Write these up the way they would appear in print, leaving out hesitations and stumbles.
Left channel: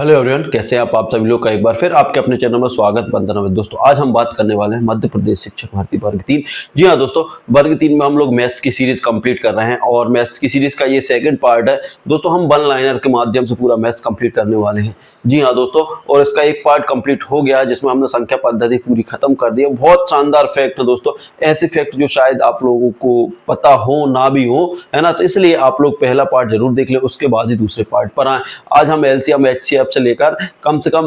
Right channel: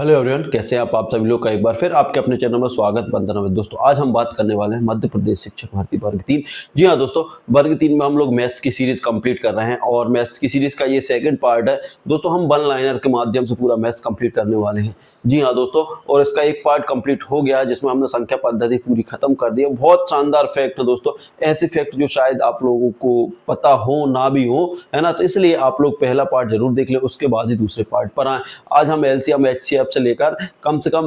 Hello everyone, कैसे हैं आप सभी लोग का एक बार फिर आपके अपने चैनल में स्वागत बंधन है। दोस्तों आज हम बात करने वाले हैं मध्य प्रदेश शिक्षक भर्ती वर्ग 3। जी हाँ दोस्तों, वर्ग 3 में हम लोग मैथ्स की सीरीज कंप्लीट कर रहे हैं और मैथ्स की सीरीज का ये सेकंड पार्ट है। दोस्तों हम वन लाइनर के माध्यम से पूरा मैथ्स कंप्लीट करने वाले हैं। जी हाँ दोस्तों, और इसका एक पार्ट कंप्लीट हो गया जिसमें हमने संख्या पद्धति पूरी खत्म कर दी है। बहुत शानदार फैक्ट है दोस्तों, ऐसे फैक्ट जो शायद आप लोगों को पता हो ना भी हो, है ना। तो इसलिए आप लोग पहला पार्ट जरूर देख लें, उसके बाद ही दूसरे पार्ट पर आए। आज हम एलसीएम एचसीएफ से लेकर कम से कम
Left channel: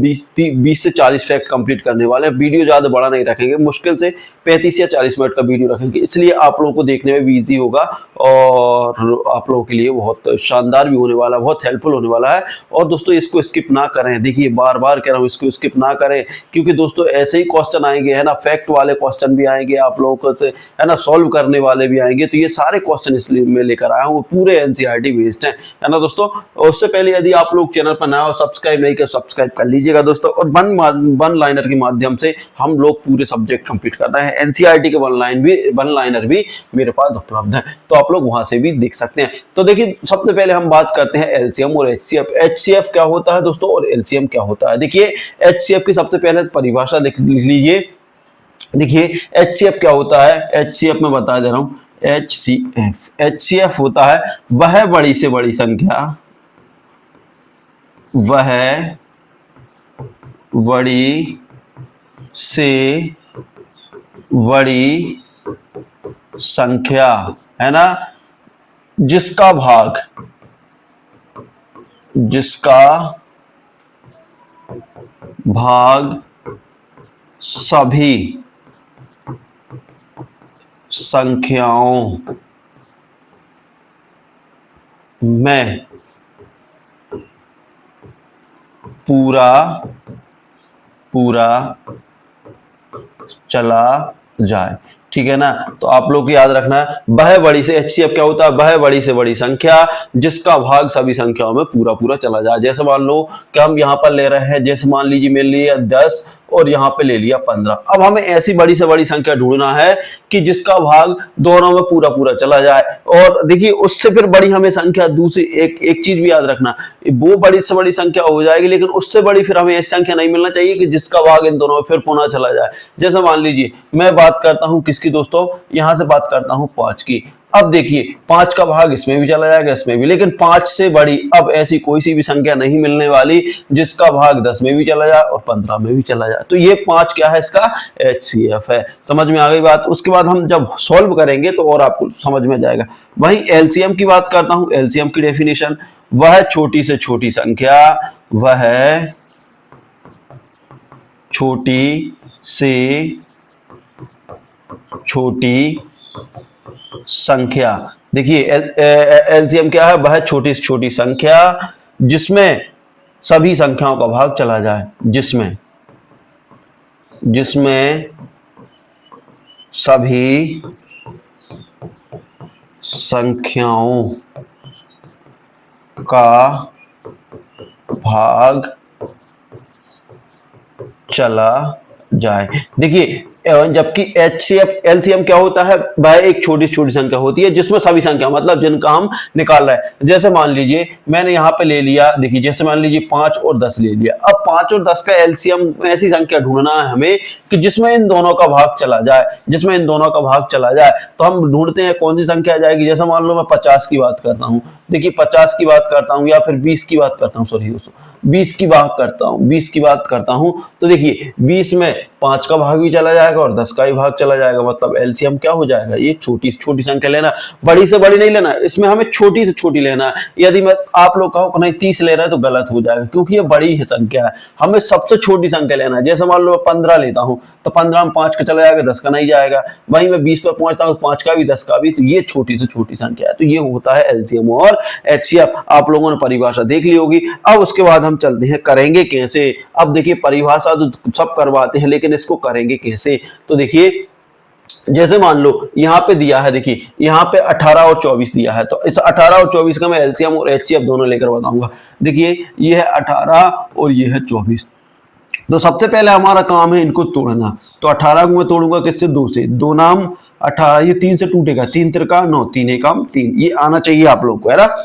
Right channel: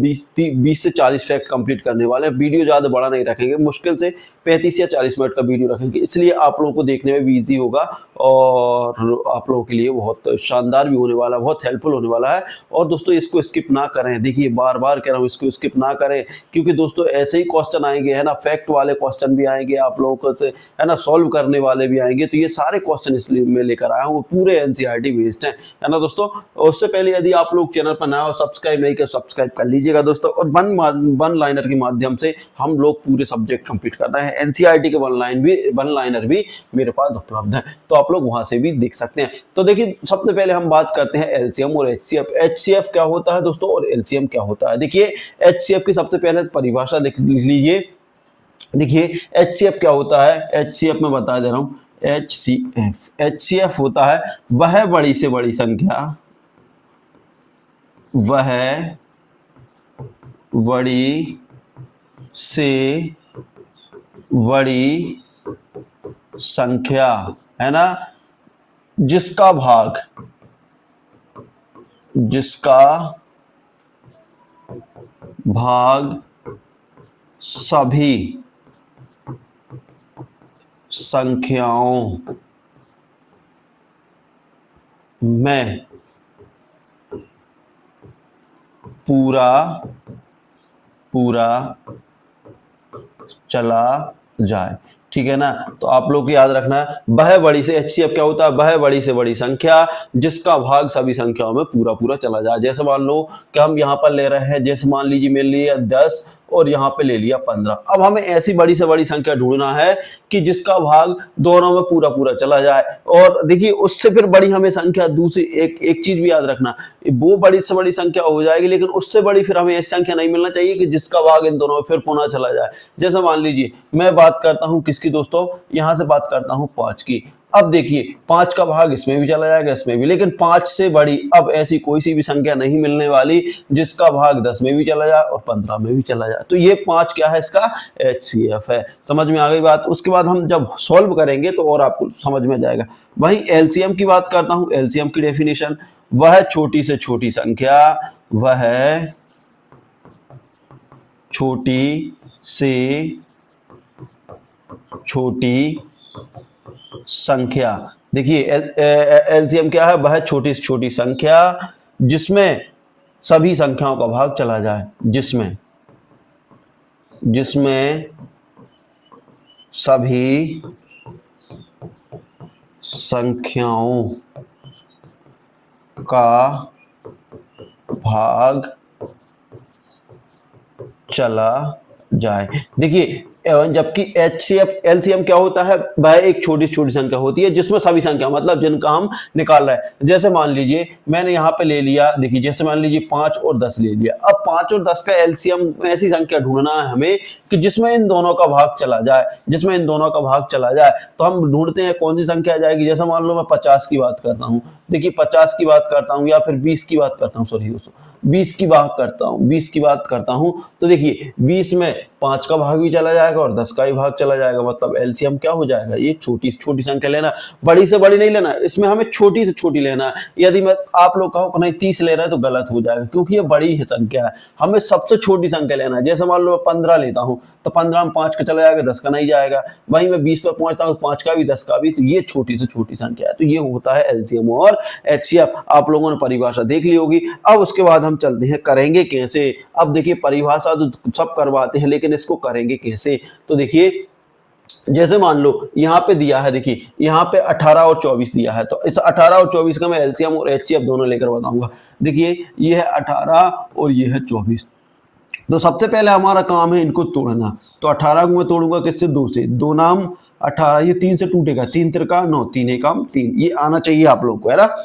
20 से 40 फैक्ट कंप्लीट करने वाले हैं। वीडियो ज़्यादा बड़ा नहीं रखेंगे, मुश्किल से 35 या 40 मिनट का वीडियो रखेंगे, इसलिए आप लोगों को देखने में भी ईजी होगा और आप लोगों के लिए बहुत शानदार भी होने वाला है, बहुत हेल्पफुल होने वाला है। और दोस्तों इसको स्किप ना करें, देखिए बार बार कह रहा हूँ इसको स्किप ना करें, क्योंकि दोस्तों ऐसे ही क्वेश्चन आएंगे, है ना, फैक्ट वाले क्वेश्चन भी आएंगे आप लोगों को से, है ना, सॉल्व करने वाले भी आएंगे। तो ये सारे क्वेश्चन इसलिए मैं लेकर आया हूँ, पूरे एनसीईआरटी बेस्ड है ना दोस्तों। और उससे पहले यदि आप लोग चैनल पर नया हो, सब्सक्राइब नहीं कर सब्सक्राइब कर लीजिएगा दोस्तों। और वन लाइनर के माध्यम से हम लोग पूरे सब्जेक्ट कंप्लीट कर रहे हैं। एनसीईआरटी के वन लाइनर भी मेरे पास उपलब्ध है, तो आप लोग वहां से भी देख सकते हैं। तो देखिए सबसे पहले हम बात करते हैं एलसीएम और एचसीएफ। एचसीएफ क्या होता है दोस्तों और एलसीएम क्या होता है। देखिए एचसीएफ की सबसे पहले परिभाषा लिख लीजिए। देखिए एचसीएफ क्या होता है, एचसीएफ में बता दे रहा हूं। एचसीएफ होता है वह बड़ी से बड़ी संख्या, वह बड़ी से बड़ी संख्या, है ना, जिसका भाग सभी संख्याओं में पूरा चला जाए। ठीक है ना। तो आप लोग को याद रखना है, वह बड़ी से, एचसीएफ क्या होता है, वह बड़ी से बड़ी संख्या जिसका भाग सभी संख्याओं में पूरा चला जाए। जैसे मान लो कि हम यहाँ पर ले रहे हैं, जैसे मान लीजिए मैंने लिया 10 और यहाँ पे ले लिया 15। अब हमें ऐसी बड़ी से बड़ी संख्या ढूंढना है कि जिसका भाग दोनों में पूरा चला जाए। और देखिए उससे फिर बड़ी हमें संख्या दूसरी एक चीज भी याद रखना, वो बड़ी से बड़ी संख्या हो जाएगी, लेकिन उससे बड़ी फिर हमें ऐसी संख्या नहीं मिलना चाहिए कि जिसका भाग इन दोनों में फिर पुनः चला जाए। जैसे मान लीजिए मैं बात करता हूं किसकी दोस्तों, यहां से बात करता हूं 5 की। अब देखिए 5 का भाग इसमें भी चला जाएगा, इसमें भी, लेकिन 5 से बड़ी अब ऐसी कोई सी भी संख्या नहीं मिलने वाली जिसका भाग 10 में भी चला जाए और 15 में भी चला जाए। तो ये 5 क्या है, इसका एचसीएफ है। समझ में आ गई बात। उसके बाद हम जब सॉल्व करेंगे तो और आपको समझ में जाएगा। वही एलसीएम की बात करता हूं। एलसीएम की डेफिनेशन, वह छोटी से छोटी संख्या, वह छोटी से छोटी संख्या। देखिए एलसीएम क्या है, वह छोटी से छोटी संख्या जिसमें सभी संख्याओं का भाग चला जाए, जिसमें सभी संख्याओं का भाग चला जाए। देखिए जबकि एचसीएफ एलसीएम क्या होता है, वह एक छोटी छोटी संख्या होती है जिसमें सभी संख्या, मतलब जिनका हम निकाल रहे हैं। जैसे मान लीजिए मैंने यहाँ पे ले लिया, देखिए जैसे मान लीजिए 5 और 10 ले लिया। अब 5 और 10 का एलसीएम ऐसी संख्या ढूंढना है हमें कि जिसमें इन दोनों का भाग चला जाए, तो हम ढूंढते हैं कौन सी संख्या आ जाएगी। जैसे मान लो मैं 50 की बात करता हूँ, देखिए 50 की बात करता हूँ या फिर 20 की बात करता हूँ, सॉरी दोस्तों 20 की बात करता हूं। तो देखिए 20 में 5 का भाग भी चला जाएगा और 10 का भी भाग चला जाएगा, मतलब एलसीएम क्या हो जाएगा, ये छोटी से छोटी संख्या लेना, बड़ी से बड़ी नहीं लेना, इसमें हमें छोटी से छोटी लेना है। यदि मैं आप लोग कहो नहीं 30 ले रहा है तो गलत हो जाएगा, क्योंकि ये बड़ी है संख्या है, हमें सबसे छोटी संख्या लेना है। जैसे मान लो 15 लेता हूं तो 15 में 5 का चला जाएगा, 10 का नहीं जाएगा। वहीं मैं 20 पर पहुंचता हूं, 5 का भी 10 का भी, तो ये छोटी से छोटी संख्या है। तो ये होता है एलसीएम और एचसीएफ। आप लोगों ने परिभाषा देख ली होगी। अब उसके बाद हम चलते हैं करेंगे कैसे। अब देखिए परिभाषा तो सब करवाते हैं, लेकिन इसको करेंगे कैसे। तो देखिए जैसे मान लो यहाँ पे दिया है, देखिए यहाँ पे 18 और 24 दिया है, तो इस 18 और 24 का मैं एलसीएम और एचसीएफ दोनों लेकर बताऊंगा। देखिए ये है 18 और ये है 24। तो सबसे पहले हमारा काम है इनको तोड़ना। तो 18 को मैं तोड़ूंगा किससे, 2 से, 2 नाम 18, ये 3 से टूटेगा, 3 तिरका 9, 3 एकम 3, ये आना चाहिए आप लोग को, है ना।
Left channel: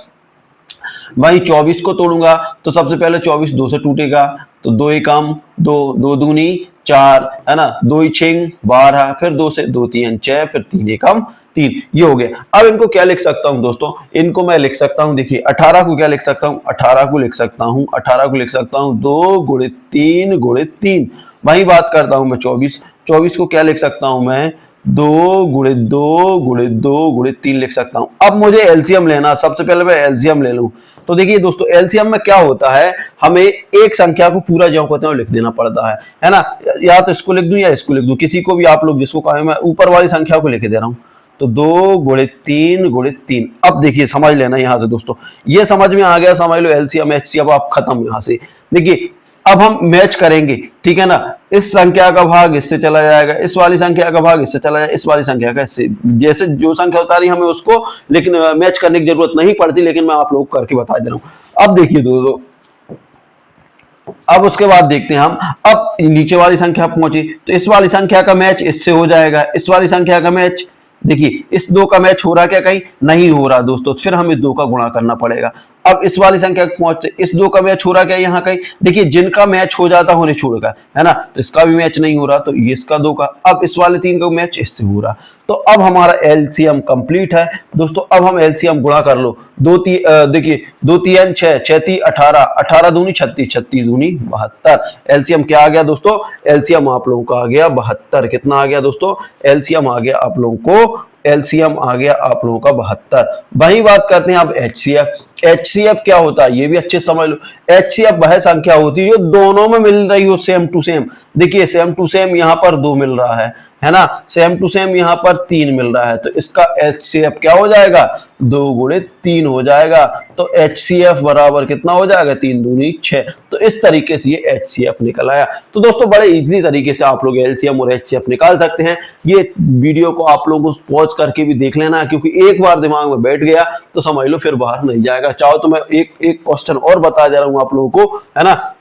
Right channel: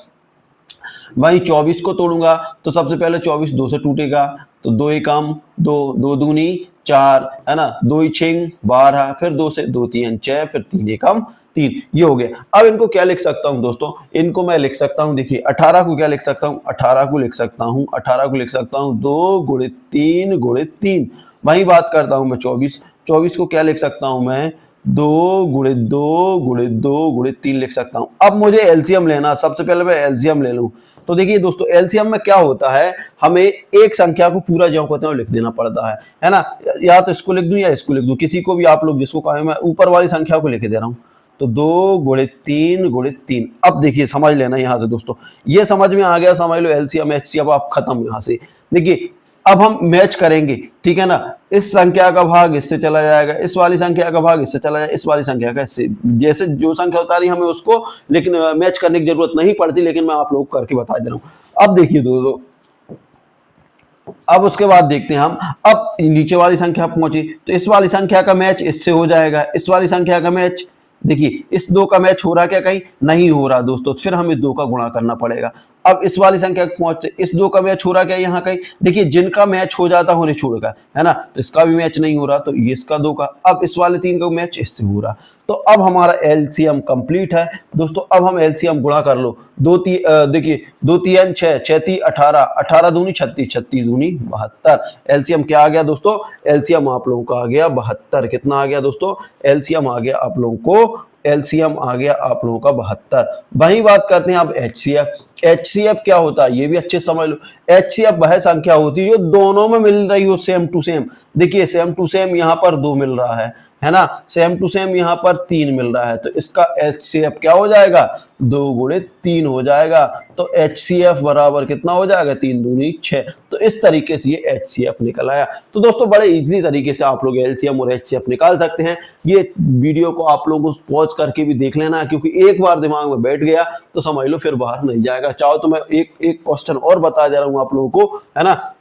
वही 24 को तोड़ूंगा तो सबसे पहले 24 2 से टूटेगा, तो 2 एकम 2, 2 दूनी 4, है ना, 2 छिंग 12, फिर 2 से 2 3 6, फिर 3 एकम 3, ये हो गया। अब इनको क्या लिख सकता हूं दोस्तों, इनको मैं लिख सकता हूं, देखिए 18 को क्या लिख सकता हूं, 18 को लिख सकता हूं, 18 को लिख सकता हूं 2 गुणित 3 गुणित 3। वही बात करता हूं मैं 24, 24 को क्या लिख सकता हूं मैं, 2 गुणित 2 गुणित 2 गुणित 3 लिख सकता हूं। अब मुझे एलसीएम लेना, सबसे पहले मैं एलसीएम ले लूं। तो देखिए दोस्तों एलसीएम में क्या होता है, हमें एक संख्या को पूरा ज्यों कहते हैं लिख देना पड़ता है ना, या तो इसको लिख दूं या इसको लिख दूं, किसी को भी आप लोग जिसको कहें, मैं ऊपर वाली संख्या को लिख दे रहा हूं। तो 2 गुणित 3 गुणित 3। अब देखिए समझ लेना यहां से दोस्तों, ये समझ में आ गया, समझ लो एलसीएम एचसीएफ आप खत्म यहां से। देखिए अब हम मैच करेंगे, ठीक है ना, इस संख्या का भाग इससे चला जाएगा, इस वाली संख्या का भाग इससे चला जाएगा, इस वाली संख्या का इससे, जैसे जो संख्या उतारी हमें उसको, लेकिन मैच करने की जरूरत नहीं पड़ती, लेकिन मैं आप लोग करके बता दे रहा हूं। अब देखिए दोस्तों, अब उसके बाद देखते हैं हम, अब नीचे वाली संख्या पहुंची तो इस वाली संख्या का मैच इससे हो जाएगा, इस वाली संख्या का मैच, देखिए इस 2 का मैच हो रहा क्या, कहीं नहीं हो रहा दोस्तों, फिर हमें 2 का गुणा करना पड़ेगा। अब इस वाली संख्या पहुंचते, इस 2 का मैच हो रहा क्या यहाँ कहीं, देखिए जिनका मैच हो जाता होने छोड़कर, है ना, तो इसका भी मैच नहीं हो रहा, तो ये इसका 2 का, अब इस वाले 3 का मैच इससे हो रहा, तो अब हमारा एलसीएम कंप्लीट है दोस्तों। अब हम एलसीएम गुणा कर लो, देखिए 2 3 6, 6 3 18, 18 दूनी 36, 36 दूनी 72। एलसीएम क्या आ गया दोस्तों, एलसीएम आप लोगों का आ गया 72। कितना आ गया दोस्तों, एलसीएम आ गया आप लोगों को, एलसीएम आ गया आप लोगों का 72। वही बात करते हैं अब एचसीएफ। एचसीएफ क्या होता है ये भी अच्छे समझ लो, एचसीएफ वह संख्या होती है जो दोनों में मिल रही हो सेम टू सेम। देखिए सेम टू सेम यहाँ पर 2 मिल रहा है ना, सेम टू सेम यहाँ पर 3 मिल रहा है, तो इसका एचसीएफ क्या हो जाएगा, 2 गुणित 3 हो जाएगा। तो एचसीएफ बराबर कितना हो जाएगा, 3 दूनी 6। तो इस तरीके से ये एचसीएफ निकल आया। तो दोस्तों बड़े इजीली तरीके से आप लोग एलसीएम और एचसीएफ निकाल सकते हैं। ये वीडियो को आप लोगों को पॉज करके भी देख लेना, क्योंकि एक बार दिमाग में बैठ गया तो समझ लो फिर बाहर नहीं जाएगा। चाहो तो मैं एक क्वेश्चन और बता दे रहा हूं आप लोगों को, है ना।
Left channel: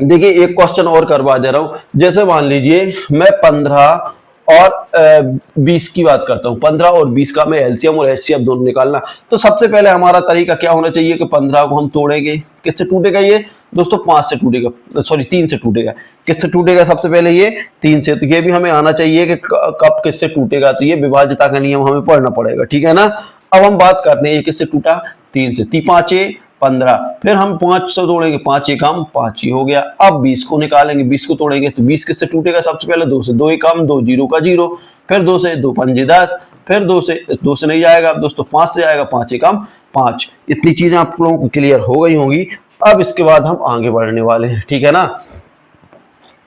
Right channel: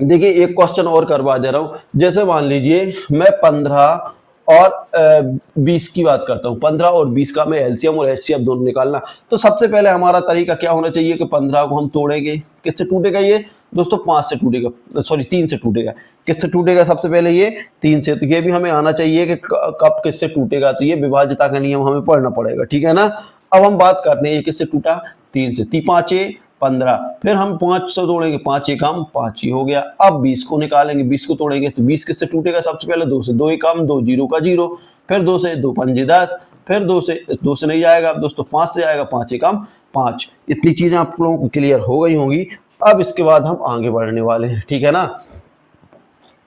देखिए एक क्वेश्चन और करवा दे रहा हूं, जैसे मान लीजिए मैं 15 और 20 की बात करता हूं, 15 और 20 का मैं एलसीएम और एचसीएफ दोनों निकालना। तो सबसे पहले हमारा तरीका क्या होना चाहिए कि 15 को हम तोड़ेंगे, किससे टूटेगा ये दोस्तों, 5 से टूटेगा, सॉरी 3 से टूटेगा। किससे टूटेगा सबसे पहले, ये 3 से। तो ये भी हमें आना चाहिए कि कब किससे टूटेगा, तो ये विभाज्यता का नियम हमें पढ़ना पड़ेगा, ठीक है ना। अब हम बात करते हैं ये किससे टूटा, 3 से। 3 5 15, फिर हम 5 से तोड़ेंगे, 5 एकम 5 ही हो गया। अब 20 को निकालेंगे, 20 को तोड़ेंगे तो 20 किससे टूटेगा, सबसे पहले 2 से। 2 एकम 2, 0 का 0, फिर 2 से, 2 पंजे 10, फिर 2 से नहीं जाएगा दोस्तों, 5 से जाएगा, 5 एकम 5। इतनी चीजें आप लोगों को क्लियर हो गई होंगी। अब इसके बाद हम आगे बढ़ने वाले हैं, ठीक है ना।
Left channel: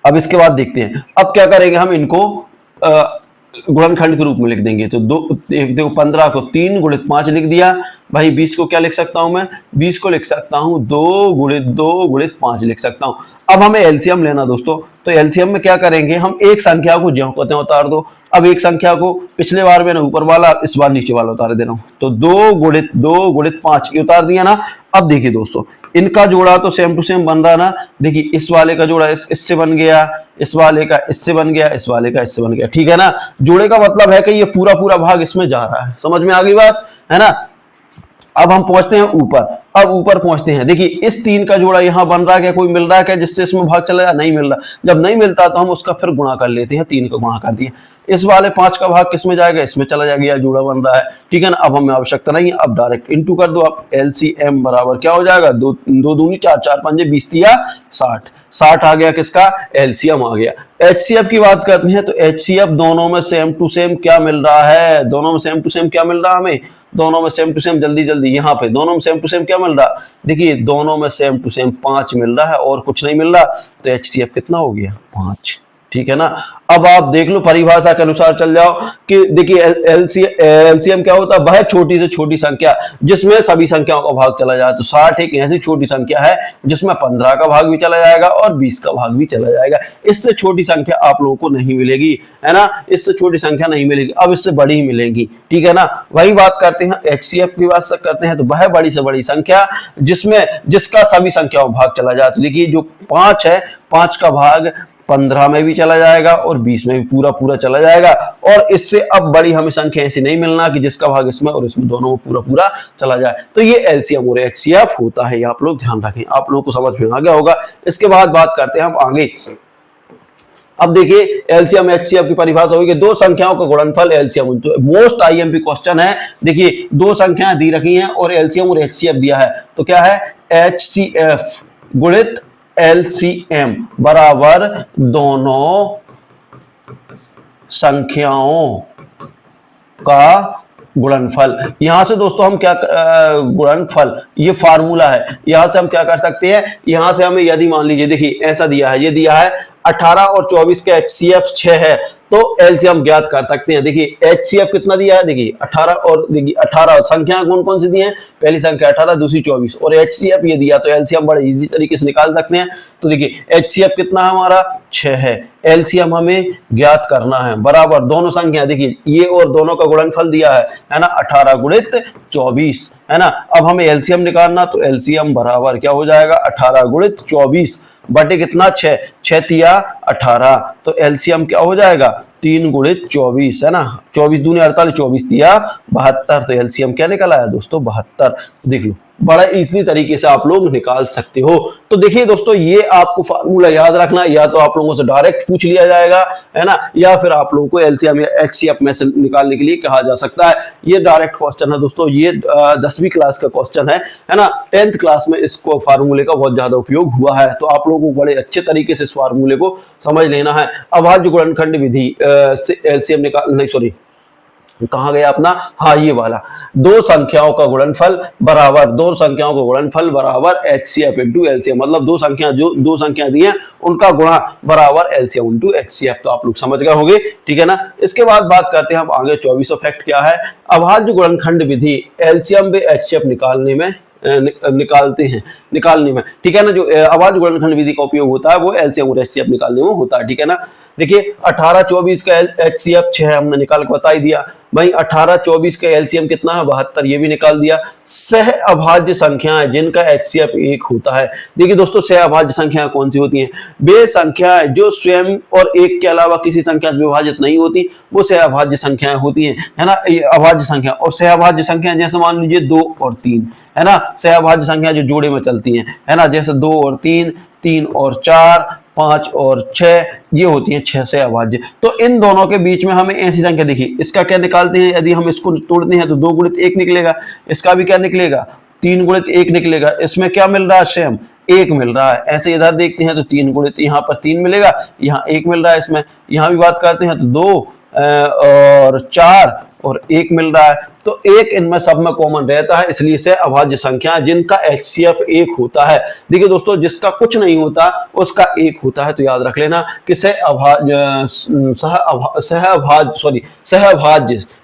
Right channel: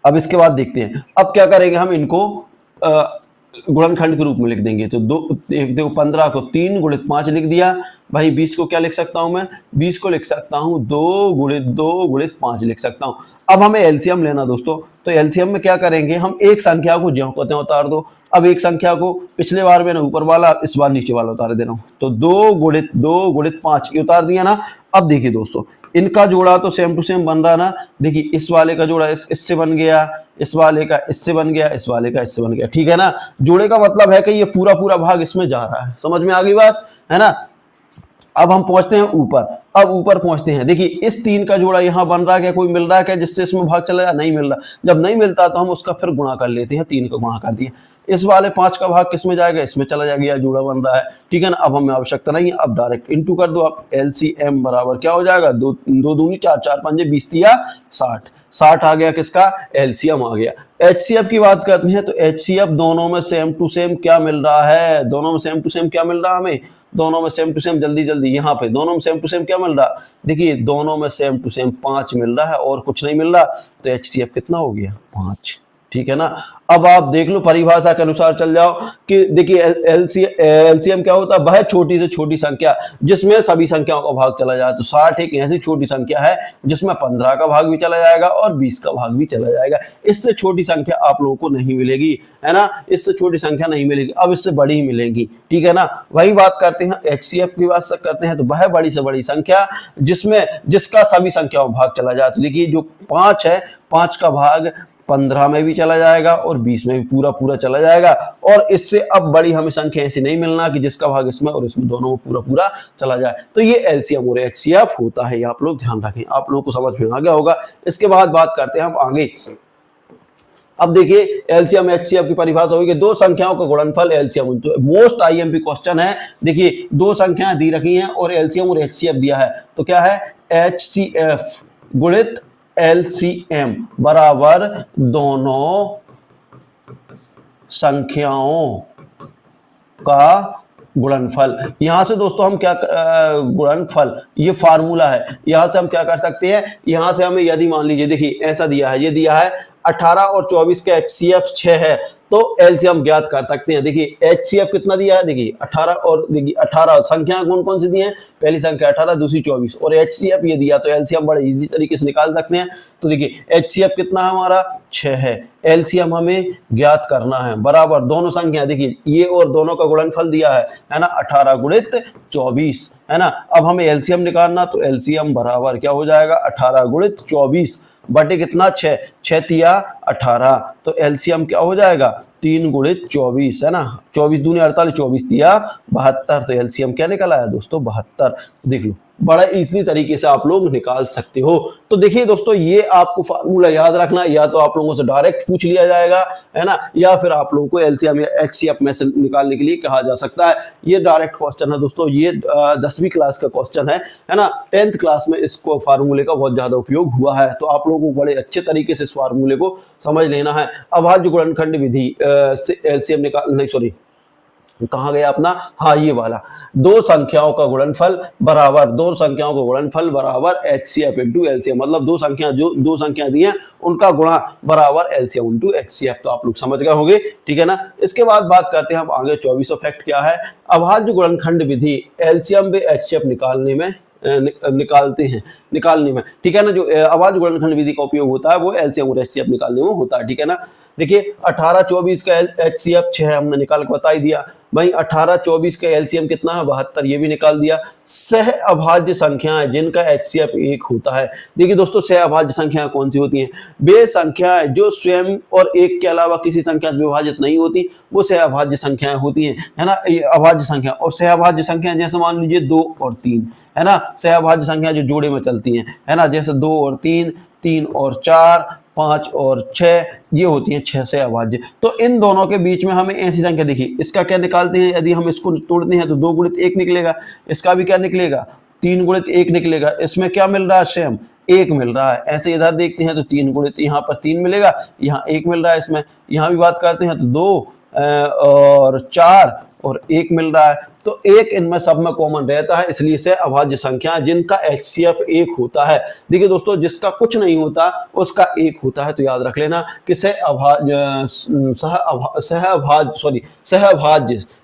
अब इसके बाद देखते हैं अब क्या करेंगे, हम इनको गुणनखंड के रूप में लिख देंगे। तो देखो 15 को 3 गुणित 5 लिख दिया भाई। 20 को क्या लिख सकता हूं मैं, 20 को लिख सकता हूं 2 गुणित 2 गुणित 5 लिख सकता हूं। अब हमें एलसीएम लेना दोस्तों, तो एलसीएम में क्या करेंगे, हम एक संख्या को ज्यों कहते हैं उतार दो। अब एक संख्या को पिछले बार मैंने ऊपर वाला, इस बार नीचे वाला उतार दे रहा हूं। तो 2 गुणित 5 ये उतार दिया ना। अब देखिए दोस्तों इनका जोड़ा तो सेम टू सेम बन रहा ना। देखिए इस वाले का जोड़ा इससे बन गया, इस वाले का इससे बन गया, इस वाले का इससे बन गया, ठीक है ना। जोड़े का मतलब है कि ये पूरा पूरा भाग इसमें जा रहा है, समझ में आ गई बात, है ना। अब हम पहुंचते हैं ऊपर। अब ऊपर पहुंचते हैं, देखिए इस 3 का जोड़ा यहां बन रहा है क्या, कोई मिल रहा है क्या जिससे इसमें भाग चला जाए, नहीं मिल रहा। जब नहीं मिलता तो हम उसका फिर गुणा कर लेते हैं, 3 का गुणा कर दिए। इस वाले 5 का भाग किसमें जाएगा, इसमें चला जाएगा, जोड़ा बन रहा है, ठीक है ना। अब हमें आवश्यकता नहीं है, अब डायरेक्ट इंटू कर दो। अब एलसीएम बराबर क्या हो जाएगा, 2 दूनी 4, 4 पंजे 20 दिया 60, 60 आ गया किसका, एलसीएम आ गया। एचसीएफ की बात करते हैं तो एचसीएफ दोनों में सेम टू सेम क्या मिल रहा है, दोनों में सेम टू सेम क्या मिल रहा है हमें, दोनों में सेम टू सेम, जल्दी जल्दी यहाँ पे दोनों में सेम टू सेम क्या मिल रहा, देखिए दोनों में सेम टू सेम 5 मिल रहा है और कुछ नहीं मिल रहा। तो एचसीएफ कितना हो गया, 5, ठीक है ना। अब आप देख लो परिभाषा के अनुसार चल जाओ कि देखिए एलसीएम क्या होता है, वह छोटी से छोटी संख्या जिसमें सभी संख्याओं का भाग चला जाए। तो 60 एक ऐसी छोटी संख्या है जिसमें 15 का भाग भी चला जाएगा और 20 का भाग भी चला जाएगा। इससे छोटी संख्या आप लोगों को नहीं मिलेगी, है ना, इससे छोटी संख्या नहीं मिलेगी। अब इससे बड़ी ही मिलेगी, ठीक है ना। वही बात करते हैं एचसीएफ की बात करते हैं तो वह बड़ी से बड़ी संख्या जिसका सभी संख्याओं भाग चला जाए। तो देखिए जो 5 है, 5 का भाग 15 में भी चला जाएगा और 20 में भी पूरा पूरा चला जाएगा। और इससे अब बड़ी हमें संख्या ऐसी नहीं मिलना कि जिसका भाग इसमें और इसमें दोनों में पूरा पूरा चला जाए। तो ये एलसीएम और एचसीएफ होता है, ये आप लोग ध्यान रखें, आप लोगों को समझ में आ गया होगा। इसके बाद बात करते हैं हम आगे। अब देखिए एलसीएम एचसीएफ की परिभाषा होगी कि दो संख्याओं का गुणनफल एलसीएम। तो मोस्ट आईएमपी क्वेश्चन है। देखिए दो संख्याएं दी रखी हैं और एलसीएम और एचसीएफ दिया है, तो क्या है एचसीएफ गुणित एलसीएम बराबर दोनों संख्याओं का गुणनफल। यहां से दोस्तों हम क्या गुणनफल, ये फार्मूला है, यहां से हम क्या कर सकते हैं, यहां से हमें यदि मान लीजिए देखिए ऐसा दिया है, ये दिया है 18 और 24 का एचसीएफ 6 है, तो एलसीएम ज्ञात कर सकते हैं। देखिए एचसीएफ कितना दिया है, देखिए 18 और देखिए 18 संख्या कौन कौन सी दी है, पहली संख्या 18, दूसरी 24 और एचसीएफ ये दिया, तो एलसीएम बड़े इजी तरीके से निकाल सकते हैं। तो देखिए एचसीएफ कितना है हमारा 6 है, एलसीएम हमें ज्ञात करना है बराबर दोनों संख्या, देखिए ये और दोनों का गुणनफल दिया है ना 18 गुणित 24 है ना। अब हमें एलसीएम निकालना, तो एलसीएम बराबर क्या हो जाएगा 18 गुणित 24 बटे कितना 6, 6 तिया 18, तो एलसीएम क्या हो जाएगा 3 गुणित 24 है ना, 24 दूनी 48, 24 तिया 72, तो एलसीएम क्या निकल आया दोस्तों 72। देख लो बड़ा इजी तरीके से आप लोग निकाल सकते हो। तो देखिए दोस्तों ये आपको फार्मूला याद रखना, या तो आप लोगों से डायरेक्ट पूछ लिया जाएगा है ना, या फिर आप लोगों को एलसीएम या एचसीएफ में से निकालने के लिए कहा जा सकता है। ये डायरेक्ट क्वेश्चन है दोस्तों, ये 10वीं क्लास का क्वेश्चन है ना। 10th क्लास में इसको फार्मूले का बहुत ज्यादा उपयोग हुआ है, तो आप लोगों को बड़े अच्छे तरीके से इस फार्मूले को समझ लेना है। अभाज्य गुणनखंड विधि से एलसीएम निकाल, नहीं सॉरी कहा गया अपना, हाँ ये वाला, दो संख्याओं का गुणनफल बराबर, दो संख्याओं का गुणनफल बराबर एचसीएफ इंटू एलसीएम, मतलब दो संख्या जो दो संख्या दी है उनका गुणा बराबर एलसीएम इंटू एचसीएफ। तो आप लोग समझ गए होंगे, ठीक है ना। इसके बाद बात करते हैं हम आगे 24 फैक्ट क्या है। अभाज्य गुणनखंड विधि एलसीएम व एचसीएफ निकालने में, ठीक है ना। जो अभाज्य गुणनखंड विधि का उपयोग होता है वो एलसीएम और एचसीएफ निकालने में होता है, ठीक है ना। देखिए 18 24 का एचसीएफ 6 हमने निकाल के बता ही दिया भाई। 18 24 का एलसीएम कितना है 72, ये भी निकाल दिया। सह अभाज्य संख्याएं जिनका एचसीएफ 1 होता है। देखिए दोस्तों सह अभाज्य संख्याएं कौन सी होती हैं, वे संख्याएं जो स्वयं और एक के अलावा किसी संख्या से विभाजित नहीं होती, वो सह अभाज्य संख्याएं होती हैं, है ना। अभाज्य संख्या और सह अभाज्य संख्याएं जैसे मान लीजिए 2 और 3 है ना, सह अभाज्य संख्या जो जोड़े में चलती हैं है ना, जैसे 2 और 3, 3 और 4, 5 और 6, ये होती हैं 6 से अभाज्य। तो इन दोनों के बीच में हमें ऐसी संख्या, देखिए इसका क्या निकालते हैं, यदि हम इसको तोड़ते हैं तो 2 गुणित 1 निकलेगा, इसका भी क्या निकलेगा 3 गुणित 1 निकलेगा, इसमें क्या मिल रहा है सेम 1 मिल रहा है। ऐसे इधर देखते हैं तो 3 गुणित, यहाँ पर 3 मिलेगा, यहाँ 1 मिल रहा है इसमें, यहाँ भी बात करते हैं तो 2 और 4 और 1 मिल रहा है। तो 1 इनमें सब में कॉमन रहता है, इसलिए से अभाज्य संख्या जिनका एचसीएफ 1 होता है। देखिए दोस्तों जिसका कुछ नहीं होता उसका 1 होता है, तो याद रख लेना कि सहअभाज्य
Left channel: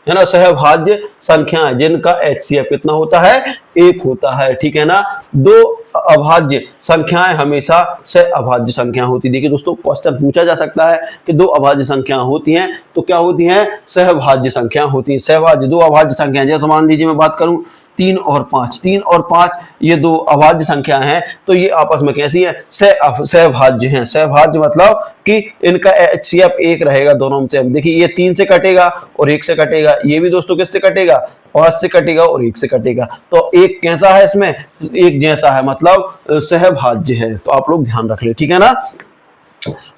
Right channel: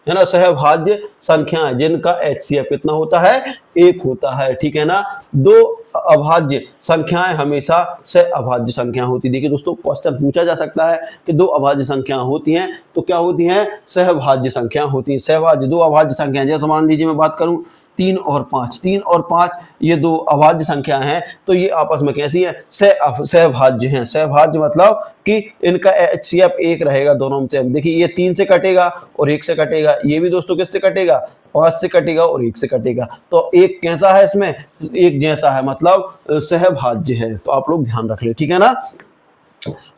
है ना, सहअभाज्य संख्या जिनका एचसीएफ कितना होता है 1 होता है, ठीक है ना। दो अभाज्य संख्याएं हमेशा सहअभाज्य संख्या होती है। देखिए दोस्तों क्वेश्चन पूछा जा सकता है कि दो अभाज्य संख्या होती हैं तो क्या होती हैं, सहअभाज्य संख्या होती है। सहअभाज्य दो अभाज्य संख्या, जैसे मान लीजिए मैं बात करूं 3 और 5, 3 और 5 ये दो अभाज्य संख्या हैं, तो ये आपस में कैसी है सहभाज्य हैं। सहभाज्य मतलब कि इनका एचसीएफ 1 रहेगा दोनों में से। देखिए ये 3 से कटेगा और 1 से कटेगा, ये भी दोस्तों किससे कटेगा 5 से कटेगा और 1 से कटेगा, तो एक कैसा है इसमें एक जैसा है, मतलब सहभाज्य है। तो आप लोग ध्यान रख ले, ठीक है ना।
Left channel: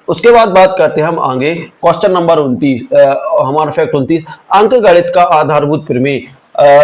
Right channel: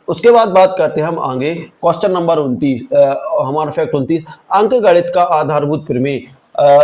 उसके बाद बात करते हैं हम आगे क्वेश्चन नंबर 29, हमारा फैक्ट 29, अंक गणित का आधारभूत प्रमेय।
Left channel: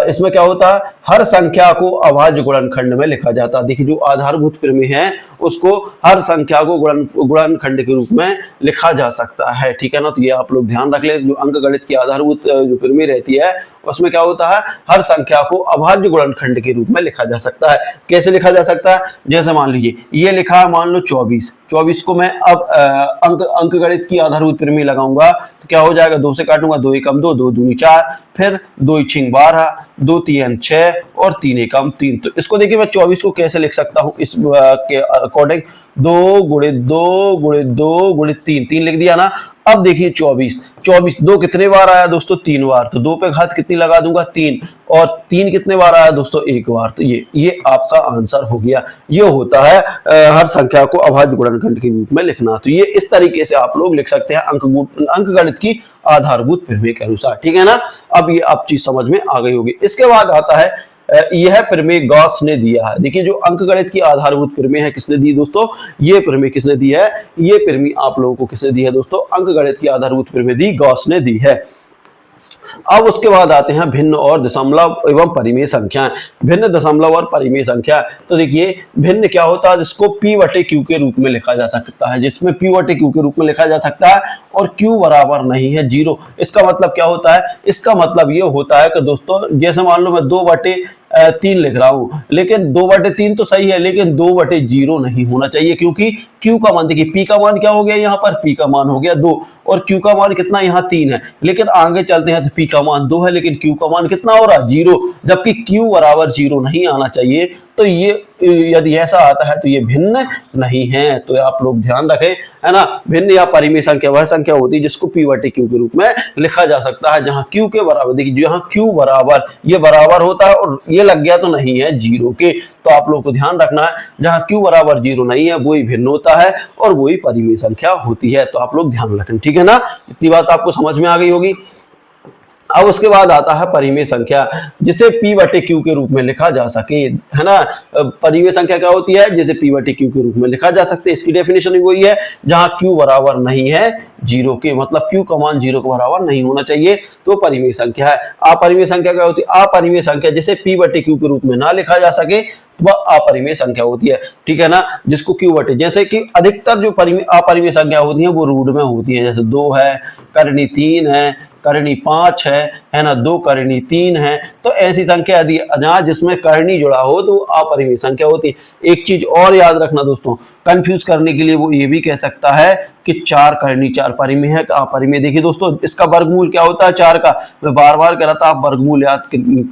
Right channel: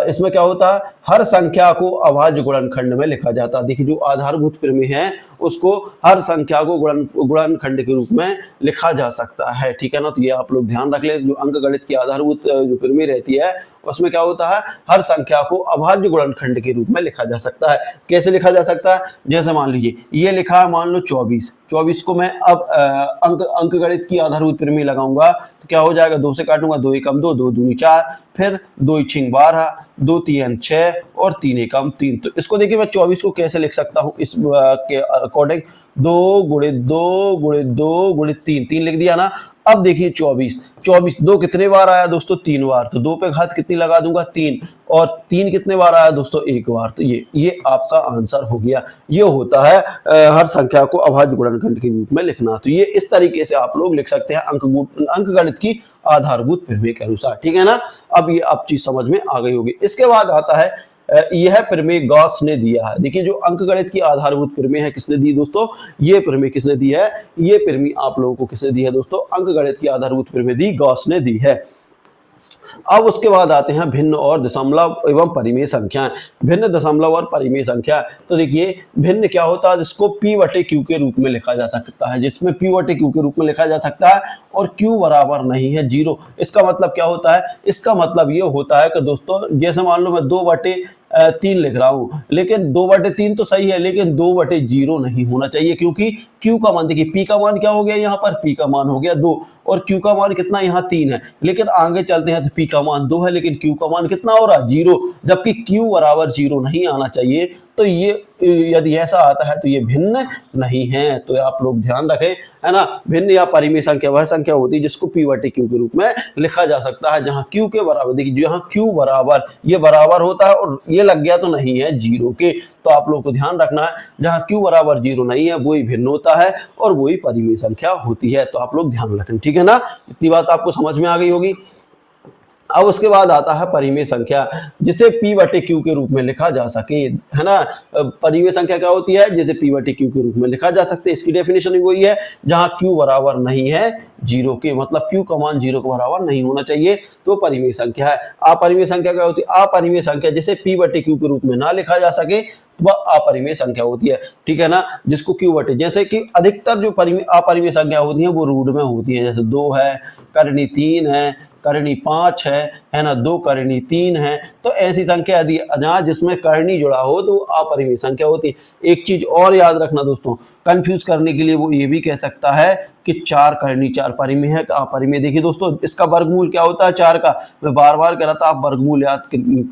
इसमें क्या होता है, हर संख्या को अभाज्य गुणनखंड में लिखा जाता है। देखिए जो आधारभूत प्रमेय है उसको हर संख्या को गुणनखंड के रूप में लिखा जा सकता है, ठीक है ना। तो ये आप लोग ध्यान रख लें, जो अंक गणित की आधारभूत जो प्रमेय रहती है उसमें क्या होता है, हर संख्या को अभाज्य गुणनखंड के रूप में लिखा जा सकता है। कैसे लिखा जा सकता है, जैसे मान लीजिए ये लिखा है मान लो 24 को मैं अब अंक गणित की आधारभूत प्रमेय लगाऊंगा तो क्या हो जाएगा, 2 से काटूंगा, 2 एकम 2, 2 दूनी 4, फिर 2 छींग 12, 2 तीन 6 और 3 एकम 3। तो इसको देखिए मैं 24 को कैसे लिख सकता हूँ इस के अकॉर्डिंग, 2 गुणित 2 गुणित 2 गुणित 3, 3 लिख दिया ना, अब देखिए 24, 24 दो कितने बार आया दोस्तों, 3 बार, तो 2 पे घात कितनी लगा दूंगा 3, और 3 कितने बार आया दोस्तों, 1 बार, तो ये आपका आंसर हो गया। ये होता है हर संख्या को अभाज्य गुणनखंड के रूप में लिखना। तो ये इस तरीके से आप लोग लिख सकते हैं अंकगणित की आधारभूत प्रमेय के अनुसार, ठीक है ना। अब ये आप चीज समझ में आ गई होगी। इसके बाद आता है यह प्रमेय गॉस ने दिया है। देखिए जो अंकगणित की आधारभूत प्रमेय है किसने दी दोस्तों, ये प्रमेय किसने दी है, ये प्रमेय आप लोगों को किसने दी है दोस्तों, अंकगणित की आधारभूत प्रमेय दी गॉस ने दी है। अब उसके बाद आते हैं भिन्न और दशमलव एवं परिमेय संख्या। भिन्न, दशमलव और परिमेय संख्या। तो देखिए भिन्न क्या होता है, जिसको p बटे q के रूप में लिखा जा सकता है, जिसमें p बटे q के रूप में लिखा जा सकता है और q बराबर नहीं है 0। इसका मतलब क्या होता है, इसका मतलब ये होता है कि दोस्तों जैसे मान लो मैं 2/3 लिख रहा हूं, लेकिन 2/3 तो सही है, लेकिन 2/0 नहीं होना चाहिए, क्योंकि q का मान देखिए, p का मान क्या हो गया, यहाँ पर p का मान हो गया 2 और q का मान कितना यहाँ 3 है, लेकिन आगे चलते हैं तो p का मान 2 है, लेकिन q का मान कितना हो रहा है 0, जबकि q बराबर 0 नहीं आना चाहिए। तो ये यदि ऐसा आता है तो ये भिन्न नहीं है, तो आप लोग ध्यान रखें, है ना। भिन्न या परिमेय संख्या वह संख्या होती है जिसको p बटे q के रूप में लिखा जा सकता है, जहां q के बराबर, देखिए जहां q बराबर, ये बराबर होता है और ये लग गया तो नहीं है 0 के, तो आप लोग को ध्यान रखना है जहां q बराबर 0 नहीं है वही भिन्न होता है और वही परिमेय संख्या होती है। तो आप लोग ध्यान रखें, ठीक है ना, इतनी बात आपको समझ में आ गई होगी। अब उसके बाद आता है परिमेय संख्या, जिसे p बटे q के रूप में लिखा जा सके, है ना। परिमेय संख्या क्या होती है, जिसे p बटे q के रूप में लिखा जा सकते, इसकी डेफिनेशन भी वही है, जहां q बराबर नहीं है 0 के, मतलब q का मान 0 के बराबर नहीं होना चाहिए, तो परिमेय संख्या है। अपरिमेय संख्या क्या होती है, अपरिमेय संख्या जिसे p बटे q के रूप में ना लिखा जा सके वह अपरिमेय संख्या होती है, ठीक है ना, जिसको q बटे, जैसे कि अधिकतर जो अपरिमेय संख्या होती है वो रूट में होती है, जैसे 2 है, करनी 3 है, करनी 5 है ना, 2 करनी 3 है, तो ऐसी संख्या यदि जहां जिसमें करनी जुड़ा हो तो अपरिमेय संख्या होती है। एक चीज और याद रखना दोस्तों, कंफ्यूज करने के लिए वो ये भी कह सकता है कि 4 करनी 4 परिमेय है कि अपरिमेय। देखिए दोस्तों इसका वर्गमूल क्या होता है 4 का, मैं बार बार कह रहा था, आप वर्गमूल याद